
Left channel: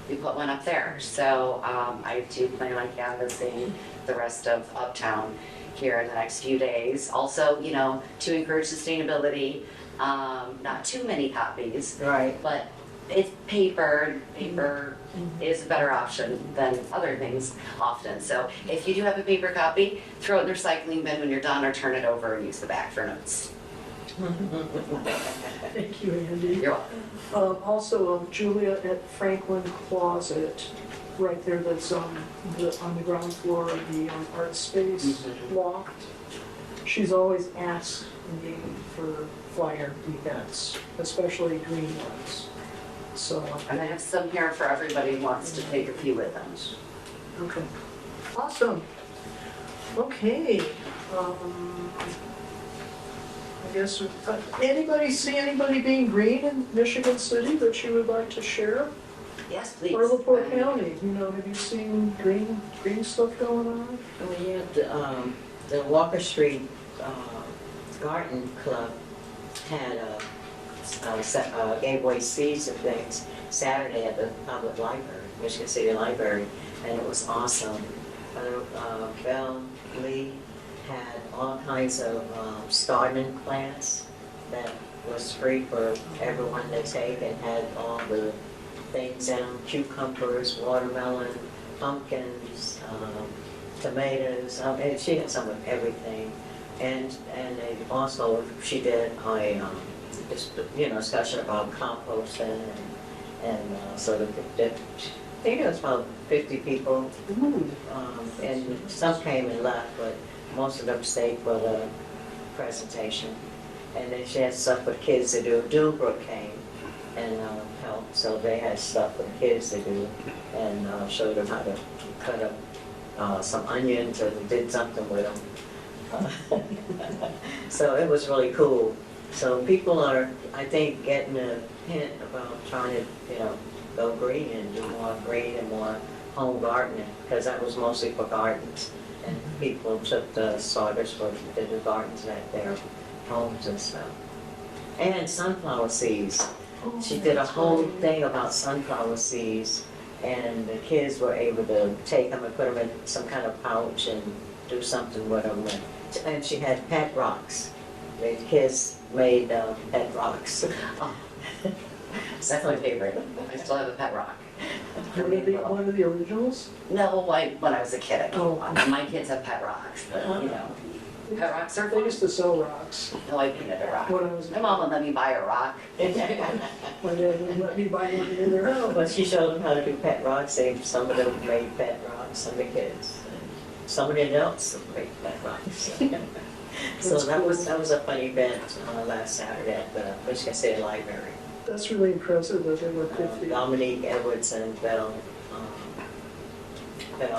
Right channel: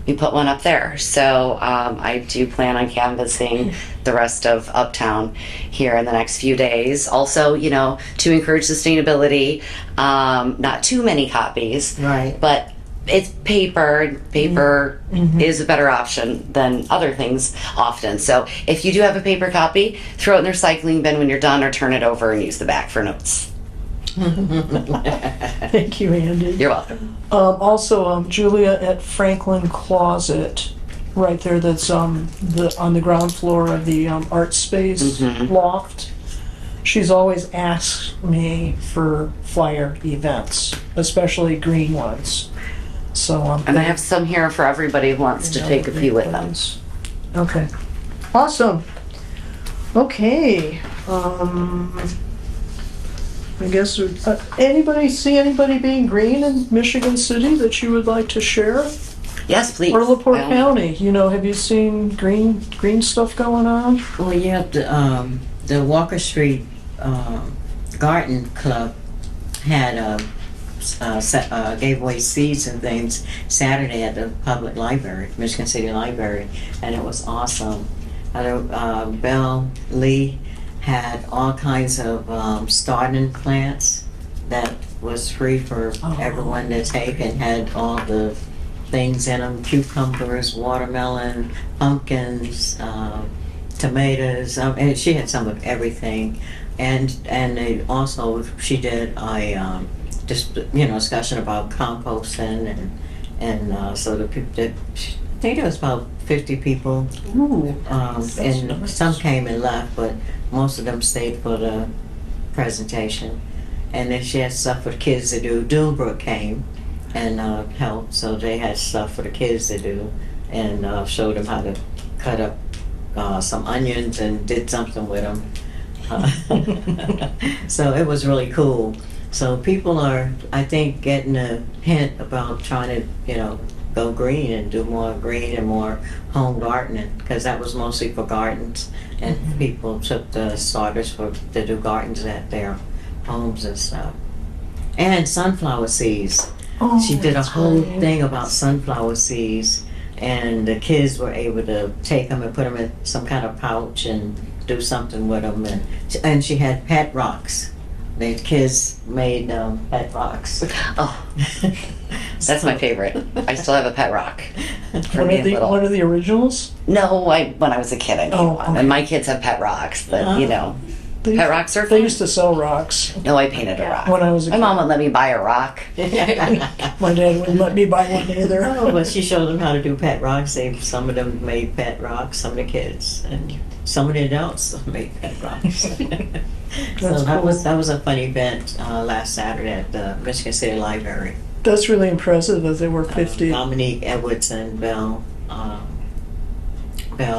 we put one up there. So I do plan on canvassing the rest of Uptown here in the next few days. Also, to encourage sustainability, not too many copies, Right. but it's paper. Paper is a better option than other things often. So if you do have a paper copy, throw it in the recycling bin when you're done, or turn it over and use the back for notes. Thank you, Andy. You're welcome. Also, Julia at Franklin Closet, right there. That's on the ground floor of the art space loft. She's always asked me for flyer events, especially green ones. So And I have some here for everybody who wants to take a few with them. Okay. Awesome. Okay. I guess, anybody see anybody being green in Michigan City that you would like to share? Yes, please. Or LaPorte Well, County, have you seen green stuff going on? Well, yeah, the Walker Street Garden Club had gave away seeds and things Saturday at the public library, Michigan City Library, and it was awesome. Belle Lee had all kinds of starting plants that was free for everyone to take, and had all the things in them: cucumbers, watermelon, pumpkins, tomatoes, and she had some of everything. And they also, she did a discussion about composting, and so the people, I think it was about 50 people, and some came and left, but most of them stayed for the presentation. And then she had stuff for kids to do. Dillbrook came and helped, so they had stuff for the kids to do, and showed them how to cut up some onions and did something with them. So it was really cool. So people are, I think, getting a hint about trying to, go green and do more green and more home gardening, because that was mostly for gardens. And people took the starters to do gardens at their homes and stuff. And sunflower seeds. Oh, She did a that's whole great. thing about sunflower seeds, and the kids were able to take them and put them in some kind of pouch and do something with them. And she had pet rocks. The kids made pet rocks. Oh, that's my favorite. I still have a pet rock. From being little. One of the originals? No, when I was a kid, I made Oh, one. okay. And my kids have pet rocks, but you know, They, pet rocks are they fun. used to sell rocks No, I painted a rock. when I was a My kid. mom would let me buy a rock. My dad wouldn't let me buy one either. Oh, but she showed them how to do pet rocks. Some of them made pet rocks, some of the kids, and some of the adults made pet rocks. So That's that cool. was a fun event last Saturday at the Michigan City Library. That's really impressive that they were 50. Dominique Edwards and Belle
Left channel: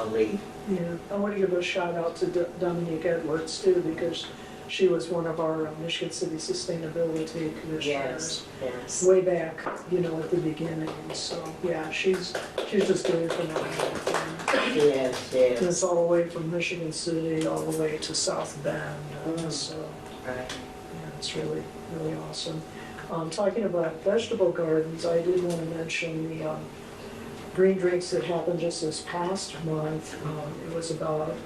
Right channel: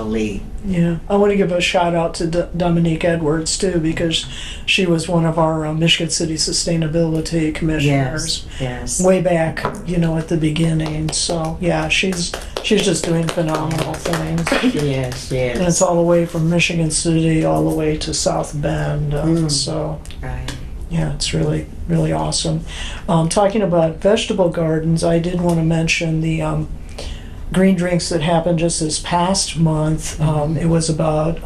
Lee. Yeah, I want to give a shout out to Dominique Edwards too, because she was one of our Michigan City Sustainability Commissioners Yes. way back, at the beginning. So yeah, she's just doing phenomenal things. Yes, And it's yes. all the way from Michigan City all the way to South Bend. So Right. yeah, it's really, really awesome. Talking about vegetable gardens, I did want to mention the green drinks that happened just this past month. It was about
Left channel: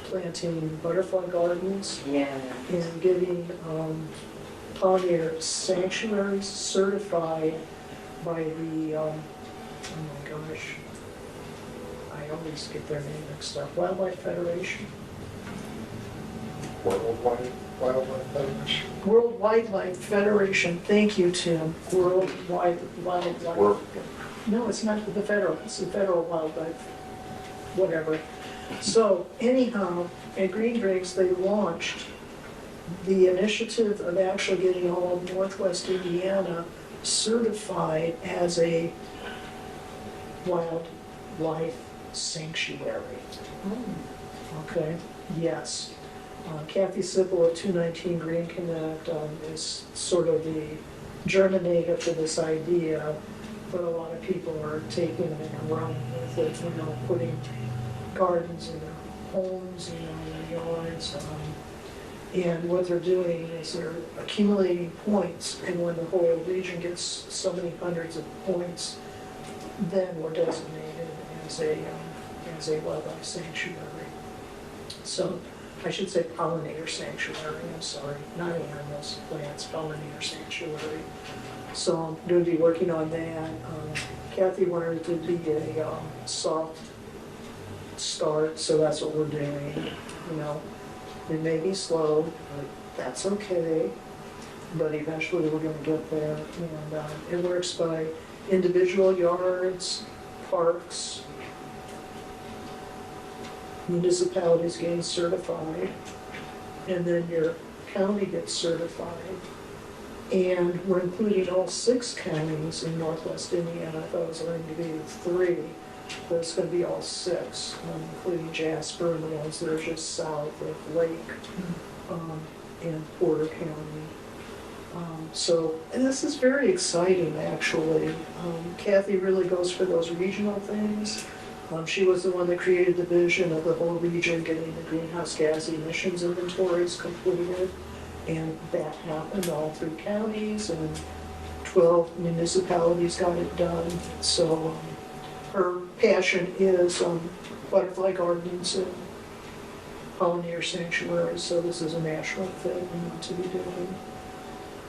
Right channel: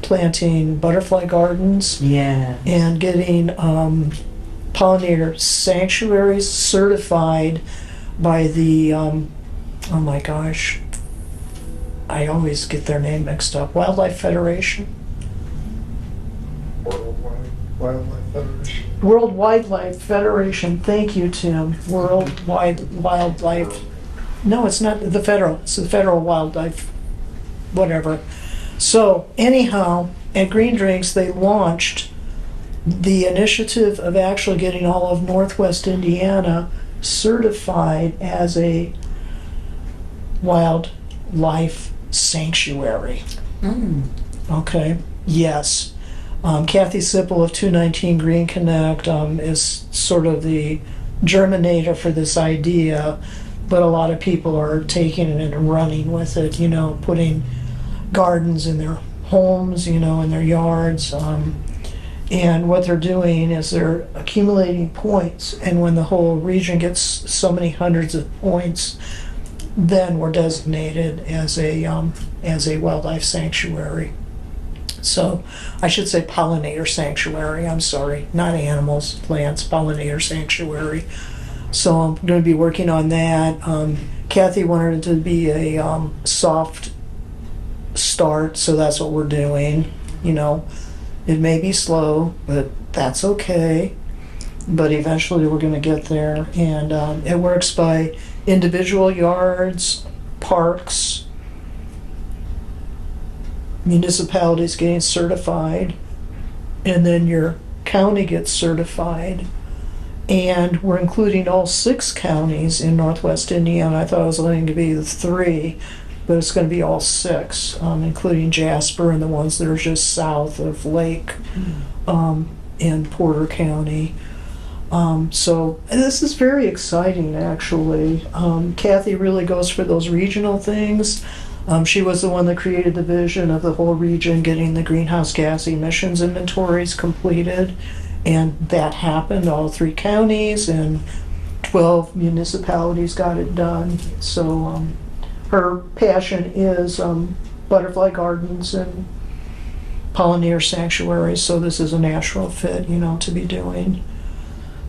planting butterfly gardens Yeah. and getting pollinator sanctuaries certified by the, oh my gosh, I always get their name mixed up, Wildlife Federation? Worldwide Wildlife Federation. World Wildlife Federation, thank you, Tim. World Wildlife. No, it's not the federal, it's the Federal Wildlife, whatever. So anyhow, at Green Drinks, they launched the initiative of actually getting all of Northwest Indiana certified as a wildlife sanctuary. Mm. Okay, yes. Kathy Sipple of 219 Green Connect is sort of the germinator for this idea, but a lot of people are taking it and running with it, putting gardens in their homes, in their yards. And what they're doing is they're accumulating points, and when the whole region gets so many hundreds of points, then we're designated as a wildlife sanctuary. So I should say pollinator sanctuary, I'm sorry, not animals, plants, pollinator sanctuary. So I'm going to be working on that. Kathy wanted it to be a soft start, so that's what we're doing. It may be slow, but that's okay. But eventually we're going to get there. And it works by individual yards, parks, municipalities getting certified, and then your county gets certified. And we're including all 6 counties in Northwest Indiana. I thought it was going to be 3, but it's going to be all 6, including Jasper and the ones that are just south of Lake in Porter County. So this is very exciting, actually. Kathy really goes for those regional things. She was the one that created the vision of the whole region getting the greenhouse gas emissions inventories completed. And that happened, all 3 counties and 12 municipalities got it done. So her passion is butterfly gardens and pollinator sanctuaries, so this is a natural fit, to be doing.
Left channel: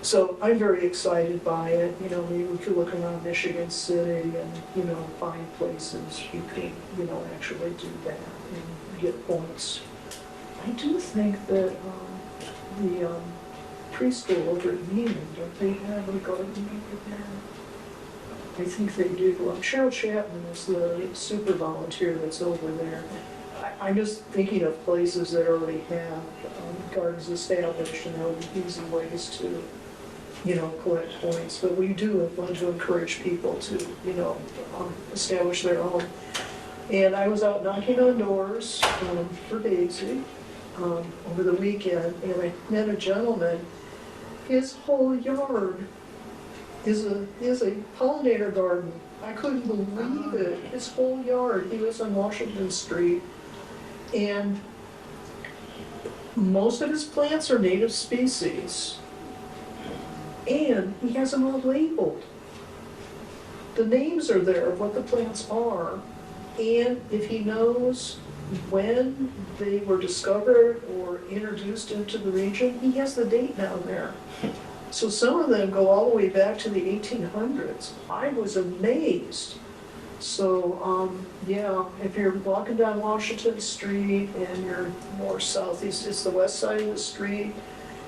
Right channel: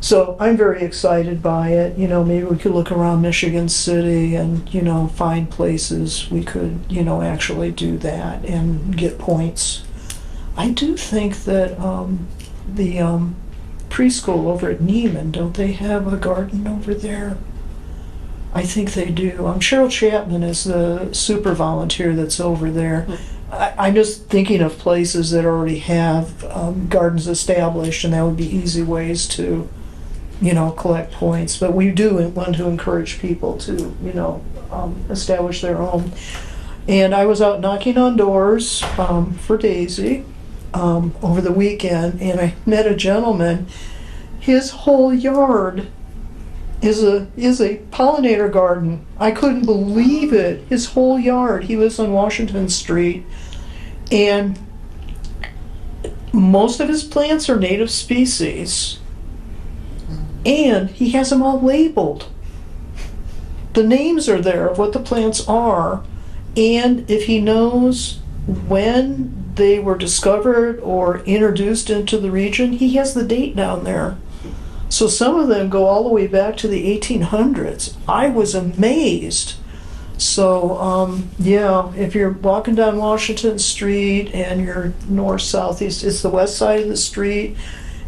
So I'm very excited by it. Maybe we could look around Michigan City and, find places we could, actually do that and get points. I do think that the preschool over at Neiman, don't they have a garden over there? I think they do. Cheryl Chapman is the super volunteer that's over there. I'm just thinking of places that already have gardens established, and that would be easy ways to, collect points. But we do want to encourage people to, establish their own. And I was out knocking on doors for Daisy over the weekend, and I met a gentleman. His whole yard is a pollinator garden. I couldn't believe it. His whole yard. He lives on Washington Street, and most of his plants are native species, and he has them all labeled. The names are there of what the plants are, and if he knows when they were discovered or introduced into the region, he has the date down there. So some of them go all the way back to the 1800s. I was amazed. So, yeah, if you're walking down Washington Street and you're north, southeast, it's the west side of the street,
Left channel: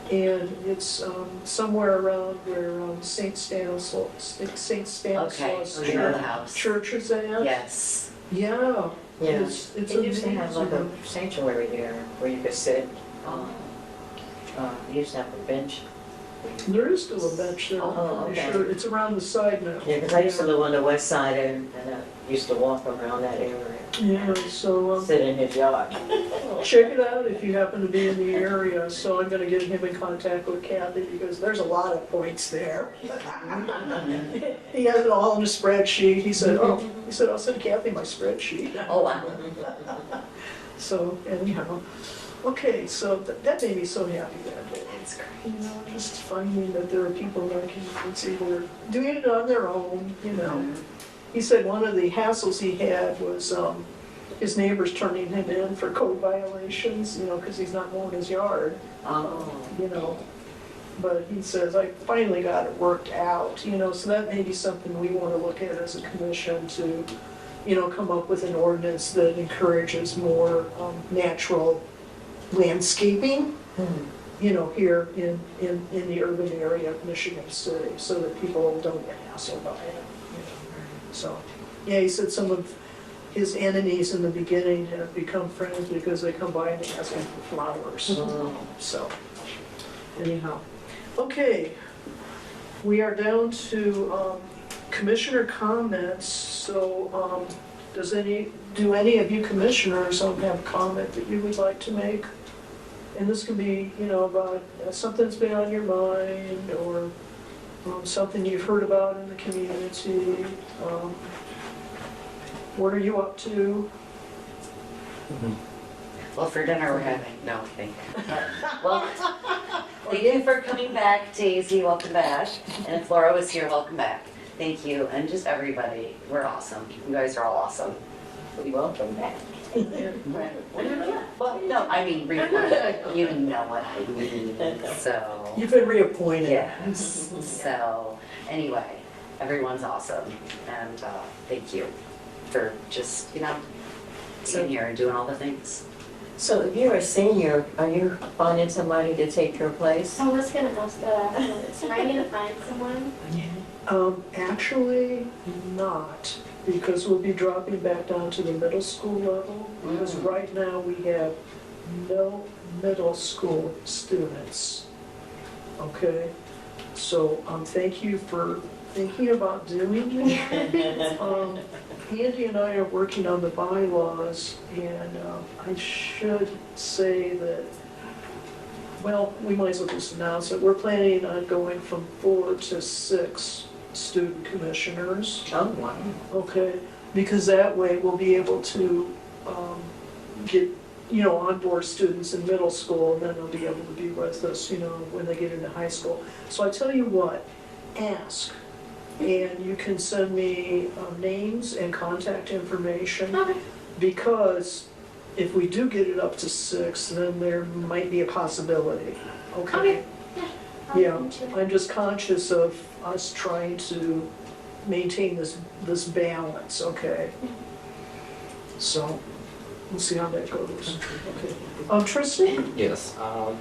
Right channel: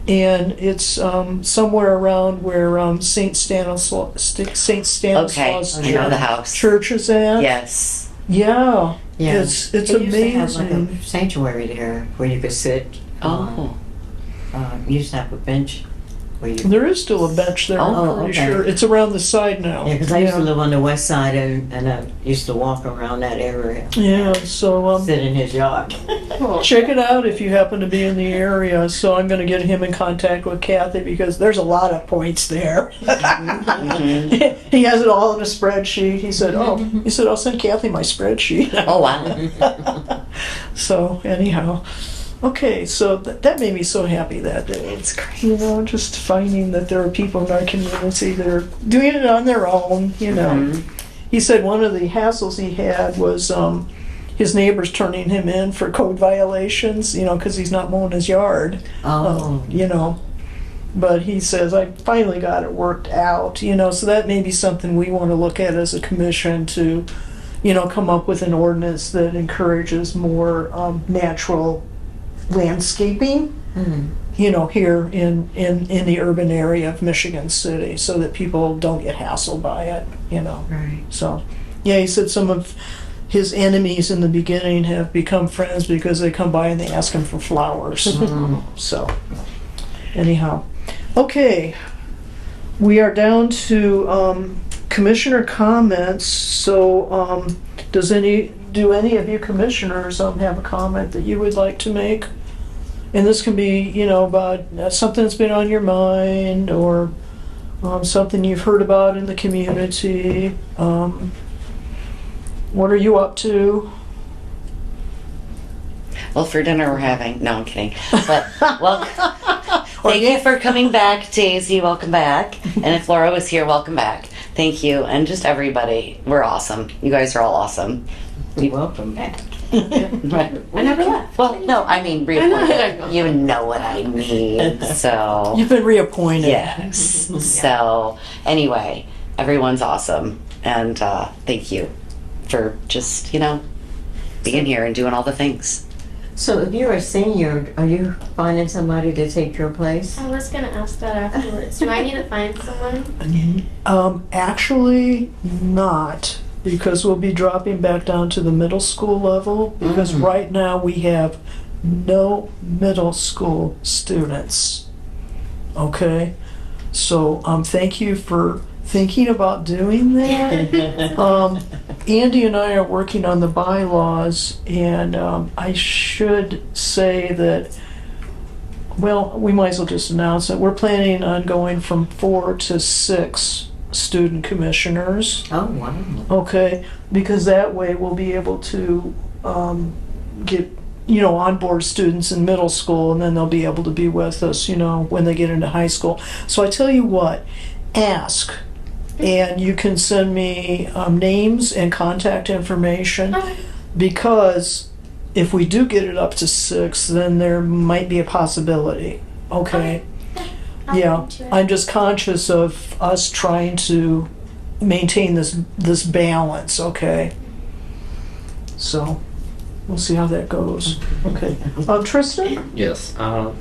and it's somewhere around where St. Stanislaus Okay, I know the house. Church is at. Yes. Yeah, Yeah. it's They used to have like amazing. a sanctuary there where you could sit. Oh. You used to have a bench where you. There is still a bench there, Oh, I'm pretty okay. sure. It's around the side now. Yeah, because I used to live on the west side and I used to walk around that area, Yeah, so sit in his yard. check it out if you happen to be in the area. So I'm gonna get him in contact with Kathy because there's a lot of points there. He has it all in a spreadsheet. He said, I'll send Kathy my spreadsheet. Oh, wow. So anyhow, okay, so that made me so happy that day. It's great. You know, just finding that there are people in our community that are doing it on their own, you know. Mhm. He said one of the hassles he had was his neighbors turning him in for code violations, you know, because he's not mowing his yard, Oh. you know. But he says, I finally got it worked out, you know, so that may be something we want to look at as a commission to, you know, come up with an ordinance that encourages more natural landscaping, Mhm. you know, here in the urban area of Michigan City, so that people don't get hassled by it, you know. Right. So, yeah, he said some of his enemies in the beginning have become friends because they come by and they ask him for flowers. Mhm. So, anyhow, okay, we are down to commissioner comments. So, do any of you commissioners have a comment that you would like to make? And this can be, you know, about something that's been on your mind or something you've heard about in the community. What are you up to? Well, for dinner we're having, no, I'm kidding. But, well, thank you for coming back, Daisy, welcome back. And if Laura was here, welcome back. Thank you, and just everybody, we're awesome. You guys are all awesome. You're welcome back. Right. I never left. Well, no, I mean, reappointed. You know what I mean, so. You've been reappointed. Yes. So, anyway, everyone's awesome. And thank you for just, you know, being here and doing all the things. So if you're a senior, are you finding somebody to take your place? I was gonna ask that afterwards. Do I need to find someone? Actually, not, because we'll be dropping back down to the middle school level, because right now we have no middle school students. Okay? So, thank you for thinking about doing that. Andy and I are working on the bylaws, and I should say that, well, we might as well just announce it. We're planning on going from 4 to 6 student commissioners. Oh, wow. Okay, because that way we'll be able to get, you know, onboard students in middle school, and then they'll be able to be with us, you know, when they get into high school. So I tell you what, ask, and you can send me names and contact information, Okay. because if we do get it up to 6, then there might be a possibility. Okay? I'll Yeah, look into it. I'm just conscious of us trying to maintain this balance, okay? So, we'll see how that goes. Okay. Tristan? Yes. I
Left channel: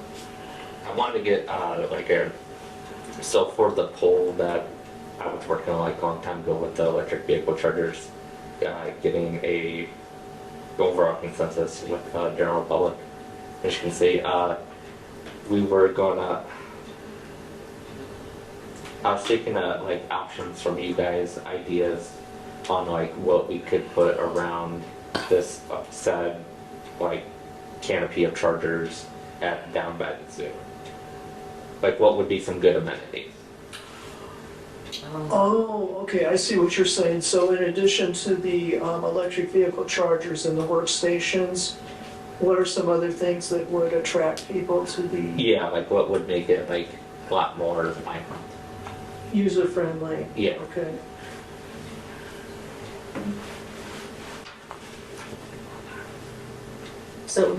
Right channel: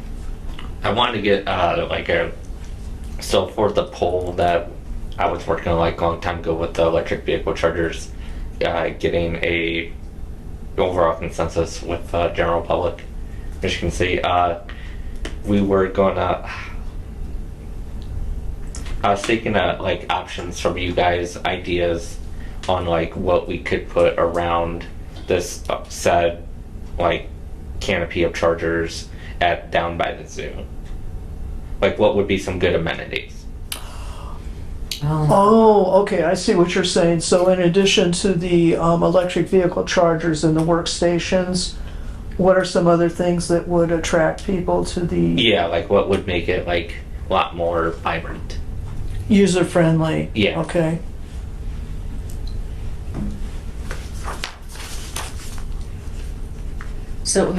wanted to get so for the poll that I was working on like a long time ago with the electric vehicle chargers, getting a overall consensus with general public. As you can see, we were gonna. I was seeking like options from you guys, ideas on like what we could put around this said like canopy of chargers down by the zoo. Like what would be some good amenities? Oh, okay, I see what you're saying. So in addition to the electric vehicle chargers and the workstations, what are some other things that would attract people to the Yeah, like what would make it like a lot more vibrant. user-friendly? Yeah. Okay. So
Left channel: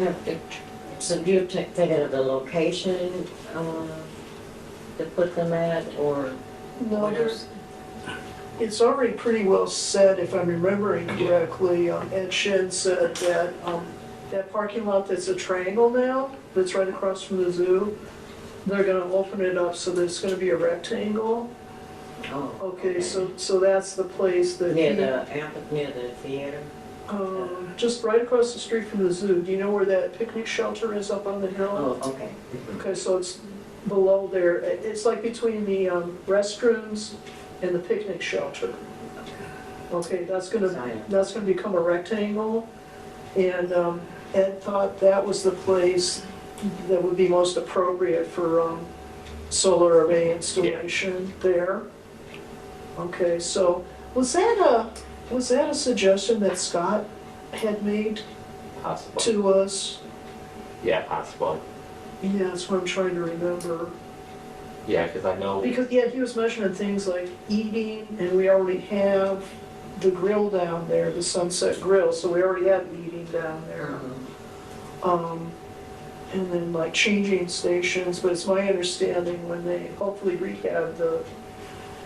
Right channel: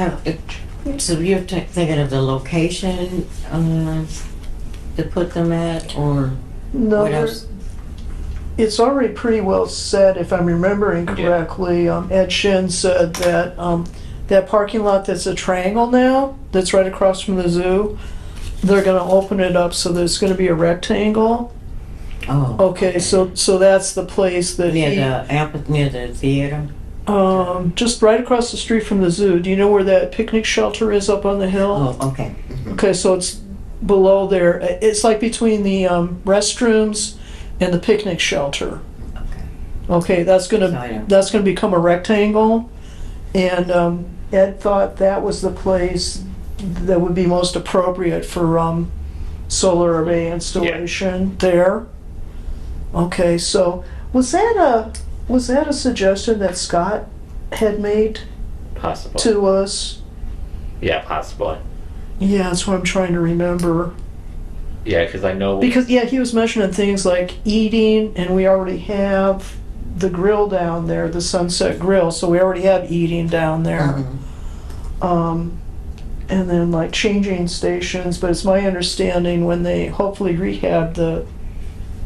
you're thinking of the location, to put them at, or No, what there- else? it's already pretty well said, if I'm remembering Yeah. correctly. Ed Shin said that that parking lot that's a triangle now, that's right across from the zoo, they're gonna open it up so that it's gonna be a rectangle. Oh, Okay, so that's the place that near he, near the theater? just right across the street from the zoo. Do you know where that picnic shelter is up on the hill? Oh, okay. Okay, so it's below there. It's like between the restrooms and the picnic shelter. Okay, that's gonna become a rectangle. And Ed thought that was the place that would be most appropriate for solar array installation there. Okay, so was that a suggestion that Scott had made Possible. to us? Yeah, possible. Yeah, that's what I'm trying to remember. Yeah, because I know. Because, yeah, he was mentioning things like eating, and we already have the grill down there, the Sunset Grill, so we already have eating down there. And then like changing stations, but it's my understanding when they hopefully rehab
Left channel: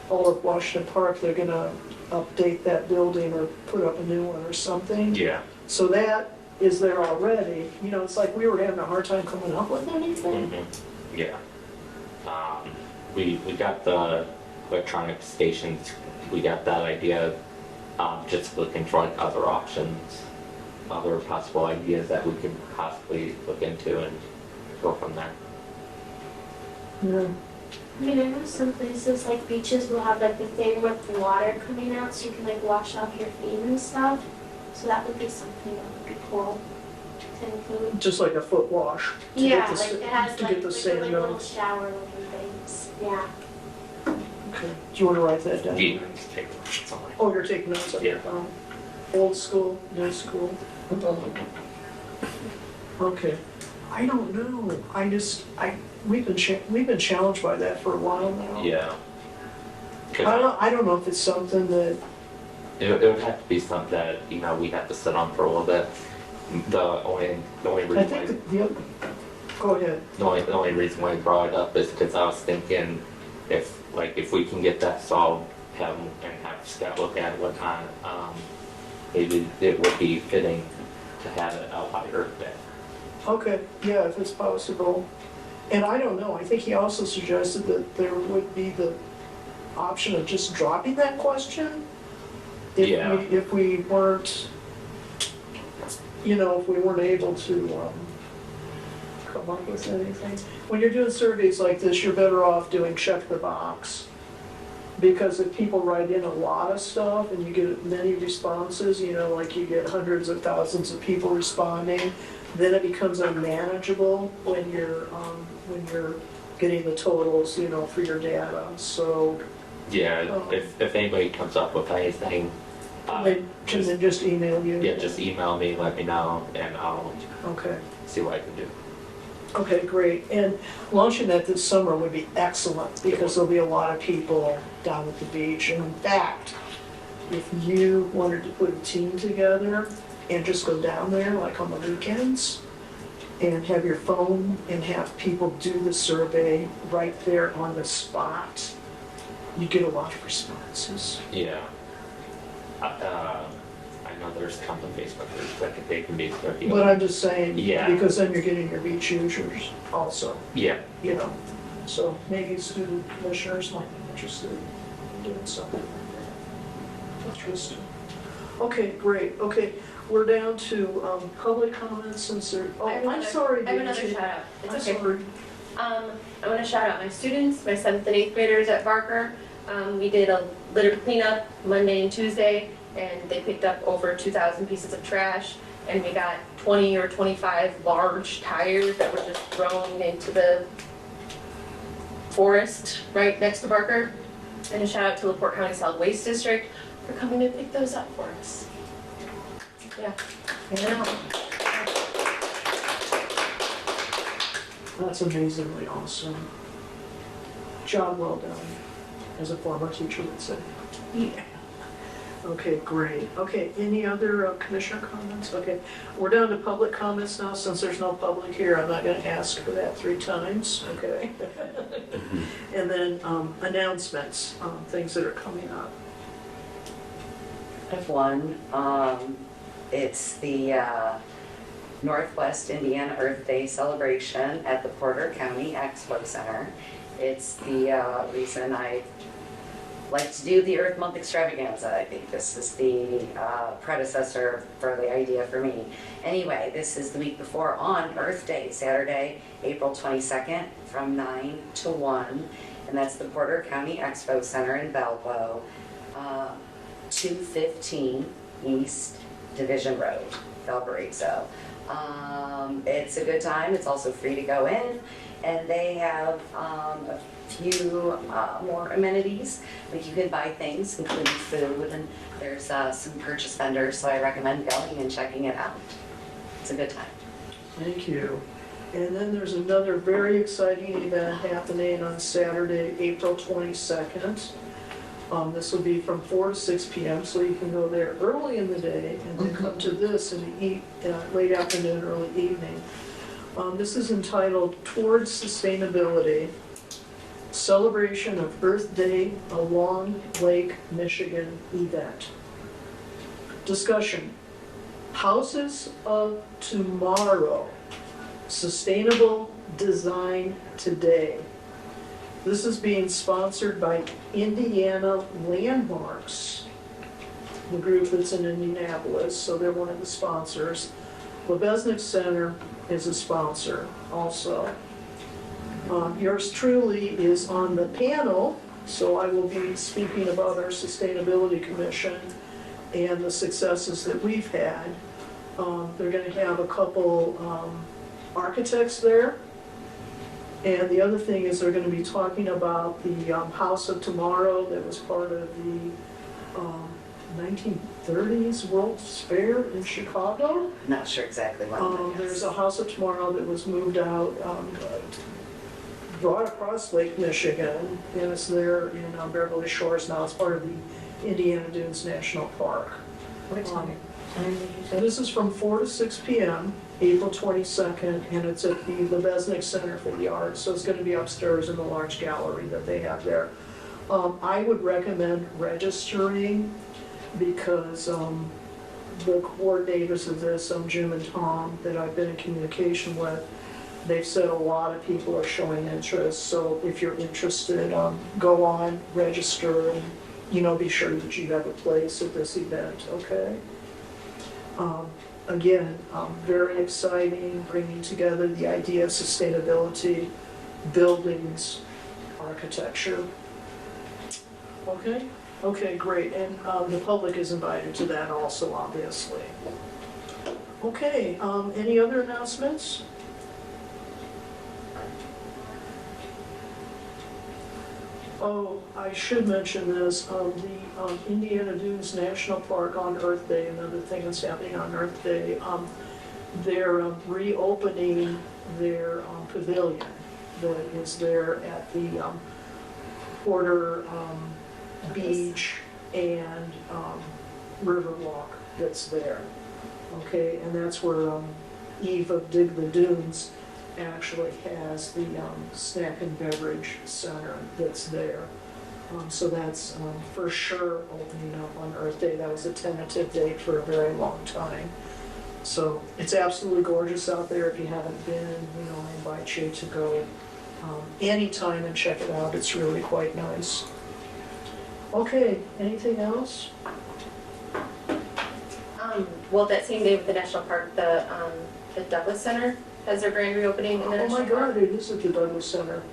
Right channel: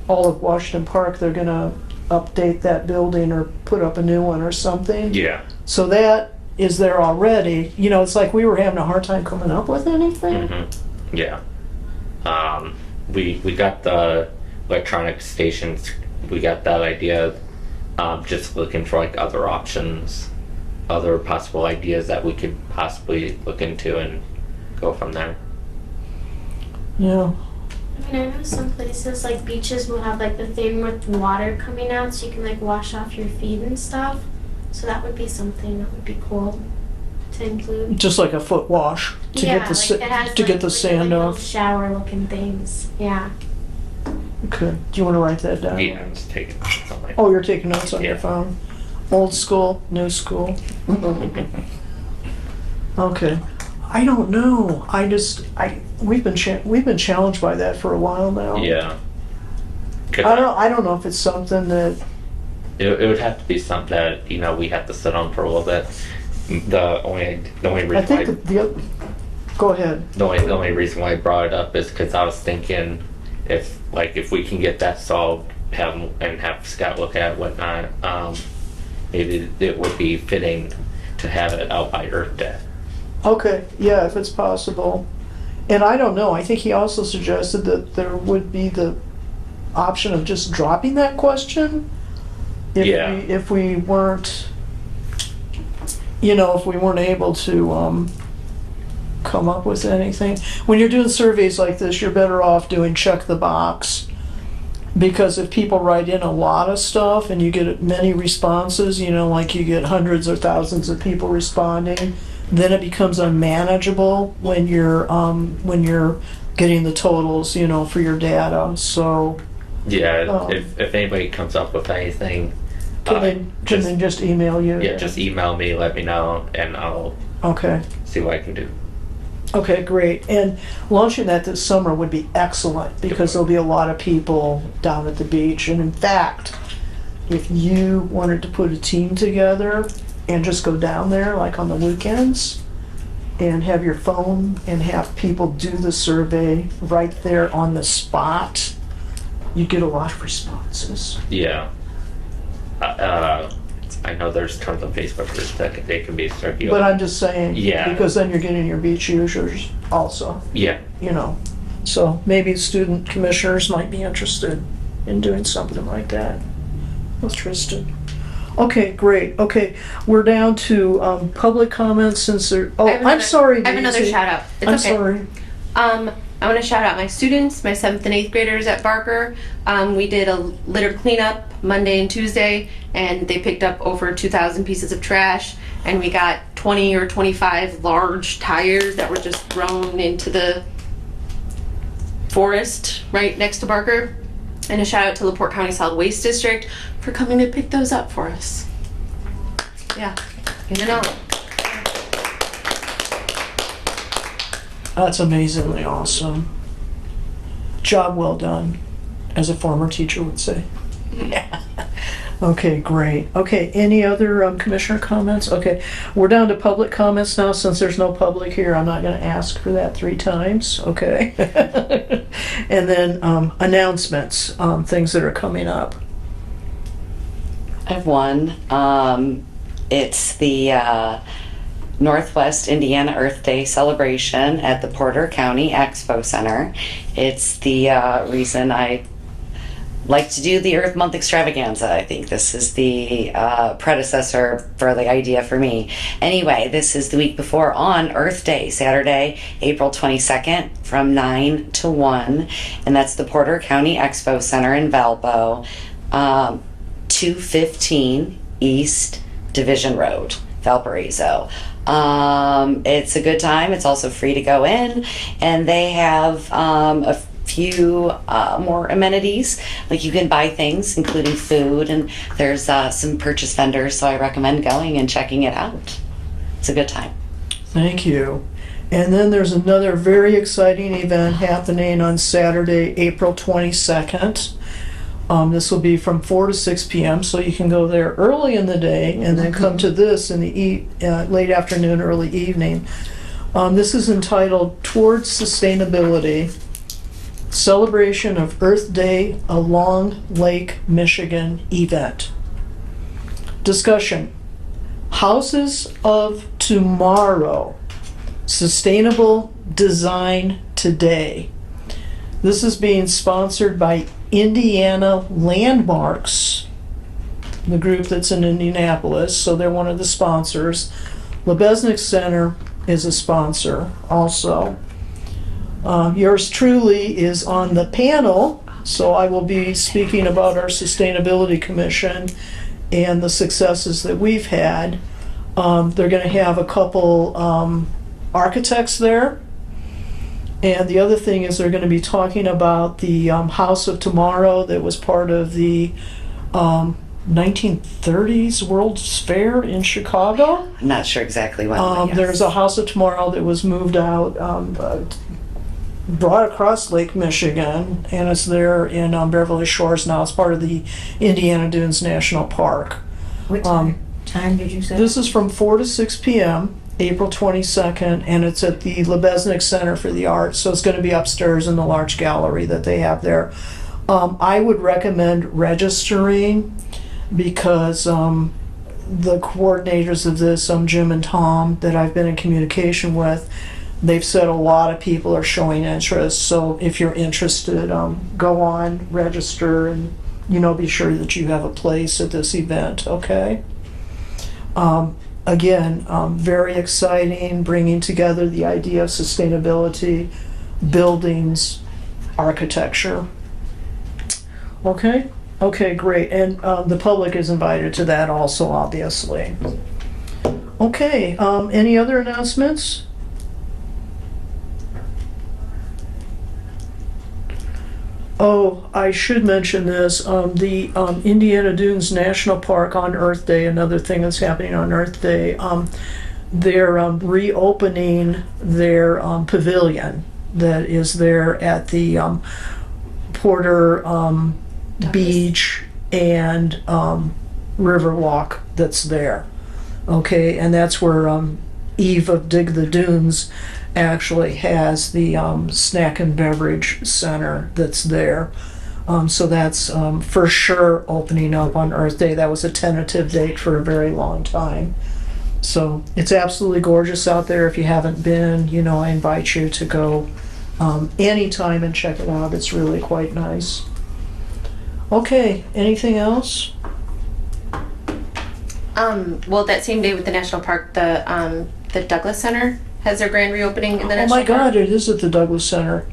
all of Washington Park, they're gonna update that building or put up a new one or something. Yeah. So that is there already. You know, it's like we were having a hard time coming up with anything. Yeah. We got the electronic stations. We got that idea. Just looking for like other options, other possible ideas that we could possibly look into and go from there. Yeah. I mean, I know some places like beaches will have like the thing with water coming out so you can like wash off your feet and stuff. So that would be something that would be cool to include. Just like a foot wash to Yeah, get the like it has to like, get the like, sand little off. shower looking things. Yeah. Okay. Do you want to write that down? Yeah, I'm just taking something. Oh, you're taking notes on your Yeah. phone. Old school, new school. Okay. I don't know. We've been challenged by that for a while now. Yeah. I don't know if it's something that It would have to be something that we have to sit on for a little bit. The only I reason think go ahead. the only reason why I brought it up is because I was thinking if we can get that solved, have Scott look at it, whatnot, maybe it would be fitting to have it out by Earth Day. Okay, yeah, if it's possible. And I don't know, I think he also suggested that there would be the option of just dropping that question. Yeah. If we weren't, if we weren't able to come up with anything. When you're doing surveys like this, you're better off doing check the box. Because if people write in a lot of stuff and you get many responses, like you get hundreds or thousands of people responding, then it becomes unmanageable when you're getting the totals, for your data. So Yeah, if anybody comes up with anything, can they just email you? just email me, let me know, and I'll Okay. see what I can do. Okay, great. And launching that this summer would be excellent because there'll be a lot of people down at the beach. And in fact, if you wanted to put a team together and just go down there like on the weekends and have your phone and have people do the survey right there on the spot, you get a lot of responses. Yeah. I know there's tons of Facebook groups that they can be circulating. But I'm just saying, Yeah. because then you're getting your beach users also. Yeah. So maybe student commissioners might be interested in doing something like that with Tristan. Okay, great. Okay, we're down to public comments since there. Oh, I'm sorry, I have another Daisy. shout out. It's I'm okay. sorry. I want to shout out my students, my 7th and 8th graders at Barker. We did a litter cleanup Monday and Tuesday, and they picked up over 2,000 pieces of trash, and we got 20 or 25 large tires that were just thrown into the forest right next to Barker. And a shout out to LaPorte County Solid Waste District for coming to pick those up for us. Yeah. That's amazingly awesome. Job well done, as a former teacher would say. Yeah. Okay, great. Okay, any other commissioner comments? Okay, we're down to public comments now. Since there's no public here, I'm not going to ask for that 3 times. Okay. And then announcements, things that are coming up. I have one. It's the Northwest Indiana Earth Day celebration at the Porter County Expo Center. It's the reason I like to do the Earth Month extravaganza. I think this is the predecessor for the idea for me. Anyway, this is the week before on Earth Day, Saturday, April 22nd from 9 to 1. And that's the Porter County Expo Center in Valpo, 215 East Division Road, Valparaiso. It's a good time. It's also free to go in, and they have a few more amenities. Like you can buy things, including food, and there's some purchase vendors. So I recommend going and checking it out. It's a good time. Thank you. And then there's another very exciting event happening on Saturday, April 22nd. This will be from 4 to 6 p.m., so you can go there early in the day and then come to this in the late afternoon, early evening. This is entitled Towards Sustainability, Celebration of Earth Day along Lake Michigan event. Discussion. Houses of Tomorrow, Sustainable Design Today. This is being sponsored by Indiana Landmarks, the group that's in Indianapolis, so they're one of the sponsors. Lebesnick Center is a sponsor also. Yours truly is on the panel, so I will be speaking about our Sustainability Commission and the successes that we've had. They're going to have a couple architects there. And the other thing is they're going to be talking about the House of Tomorrow that was part of the 1930s World's Fair in Chicago. I'm not sure exactly when. But yes. There's a House of Tomorrow that was moved out, brought across Lake Michigan, and it's there in Beverly Shores now. It's part of the Indiana Dunes National Park. What time did you say? This is from 4 to 6 p.m. April 22nd, and it's at the Lebesnick Center for the Arts, so it's going to be upstairs in the large gallery that they have there. I would recommend registering because the coordinators of this, Jim and Tom, that I've been in communication with, they've said a lot of people are showing interest, so if you're interested, go on, register, and be sure that you have a place at this event, okay? Again, very exciting, bringing together the idea of sustainability, buildings, architecture. Okay? Okay, great. And the public is invited to that also, obviously. Okay, any other announcements? Oh, I should mention this, the Indiana Dunes National Park on Earth Day, another thing that's happening on Earth Day, they're reopening their pavilion that is there at the Porter Beach and Riverwalk that's there. Okay, and that's where Eve of Dig the Dunes actually has the snack and beverage center that's there. So that's for sure opening up on Earth Day. That was a tentative date for a very long time. So it's absolutely gorgeous out there. If you haven't been, I invite you to go anytime and check it out. It's really quite nice. Okay, anything else? Well, that same day with the national park, the Douglas Center has their grand reopening in the national Oh my God, it is at the Douglas Center.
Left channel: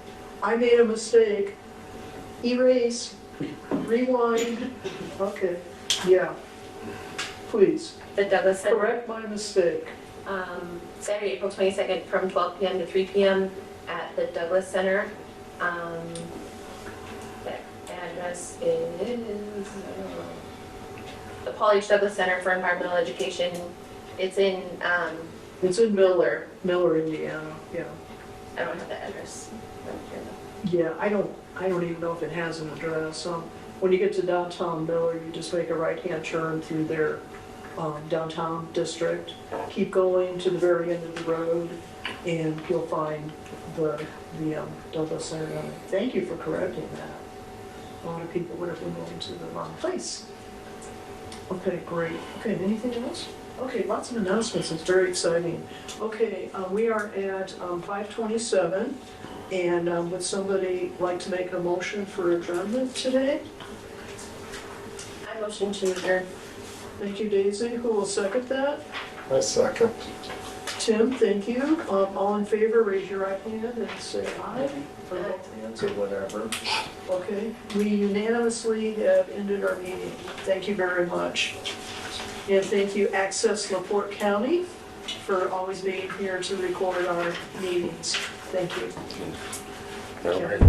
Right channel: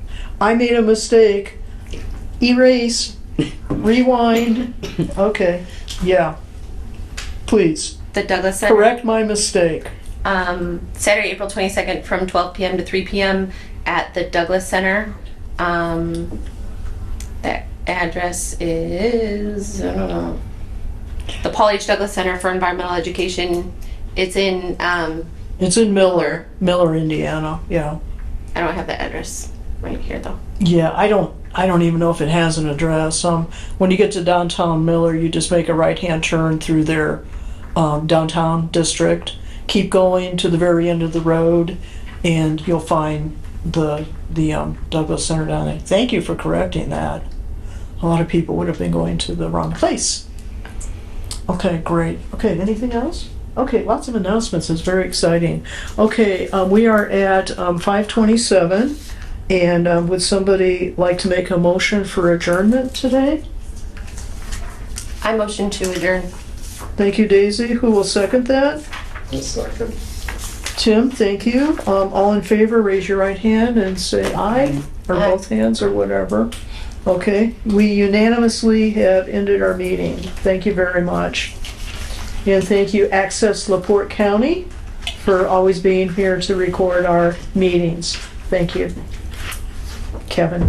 I made a mistake. Erase. Rewind. Okay, yeah. Please, The Douglas Center. correct my mistake. Saturday, April 22nd from 12 p.m. to 3 p.m. at the Douglas Center. That address is, I don't know, the Paul H. Douglas Center for Environmental Education. It's in, It's in Miller, Indiana, yeah. I don't have the address right here though. Yeah, I don't even know if it has an address. When you get to downtown Miller, you just make a right-hand turn through their downtown district. Keep going to the very end of the road, and you'll find the Douglas Center down there. Thank you for correcting that. A lot of people would have been going to the wrong place. Okay, great. Okay, anything else? Okay, lots of announcements. It's very exciting. Okay, we are at 5:27, and would somebody like to make a motion for adjournment today? I motion to adjourn. Thank you, Daisy. Who will second that? A second. Tim, thank you. All in favor, raise your right hand and say aye, or Aye. both hands, or whatever. Okay, we unanimously have ended our meeting. Thank you very much. And thank you, Access LaPorte County, for always being here to record our meetings. Thank you. Kevin.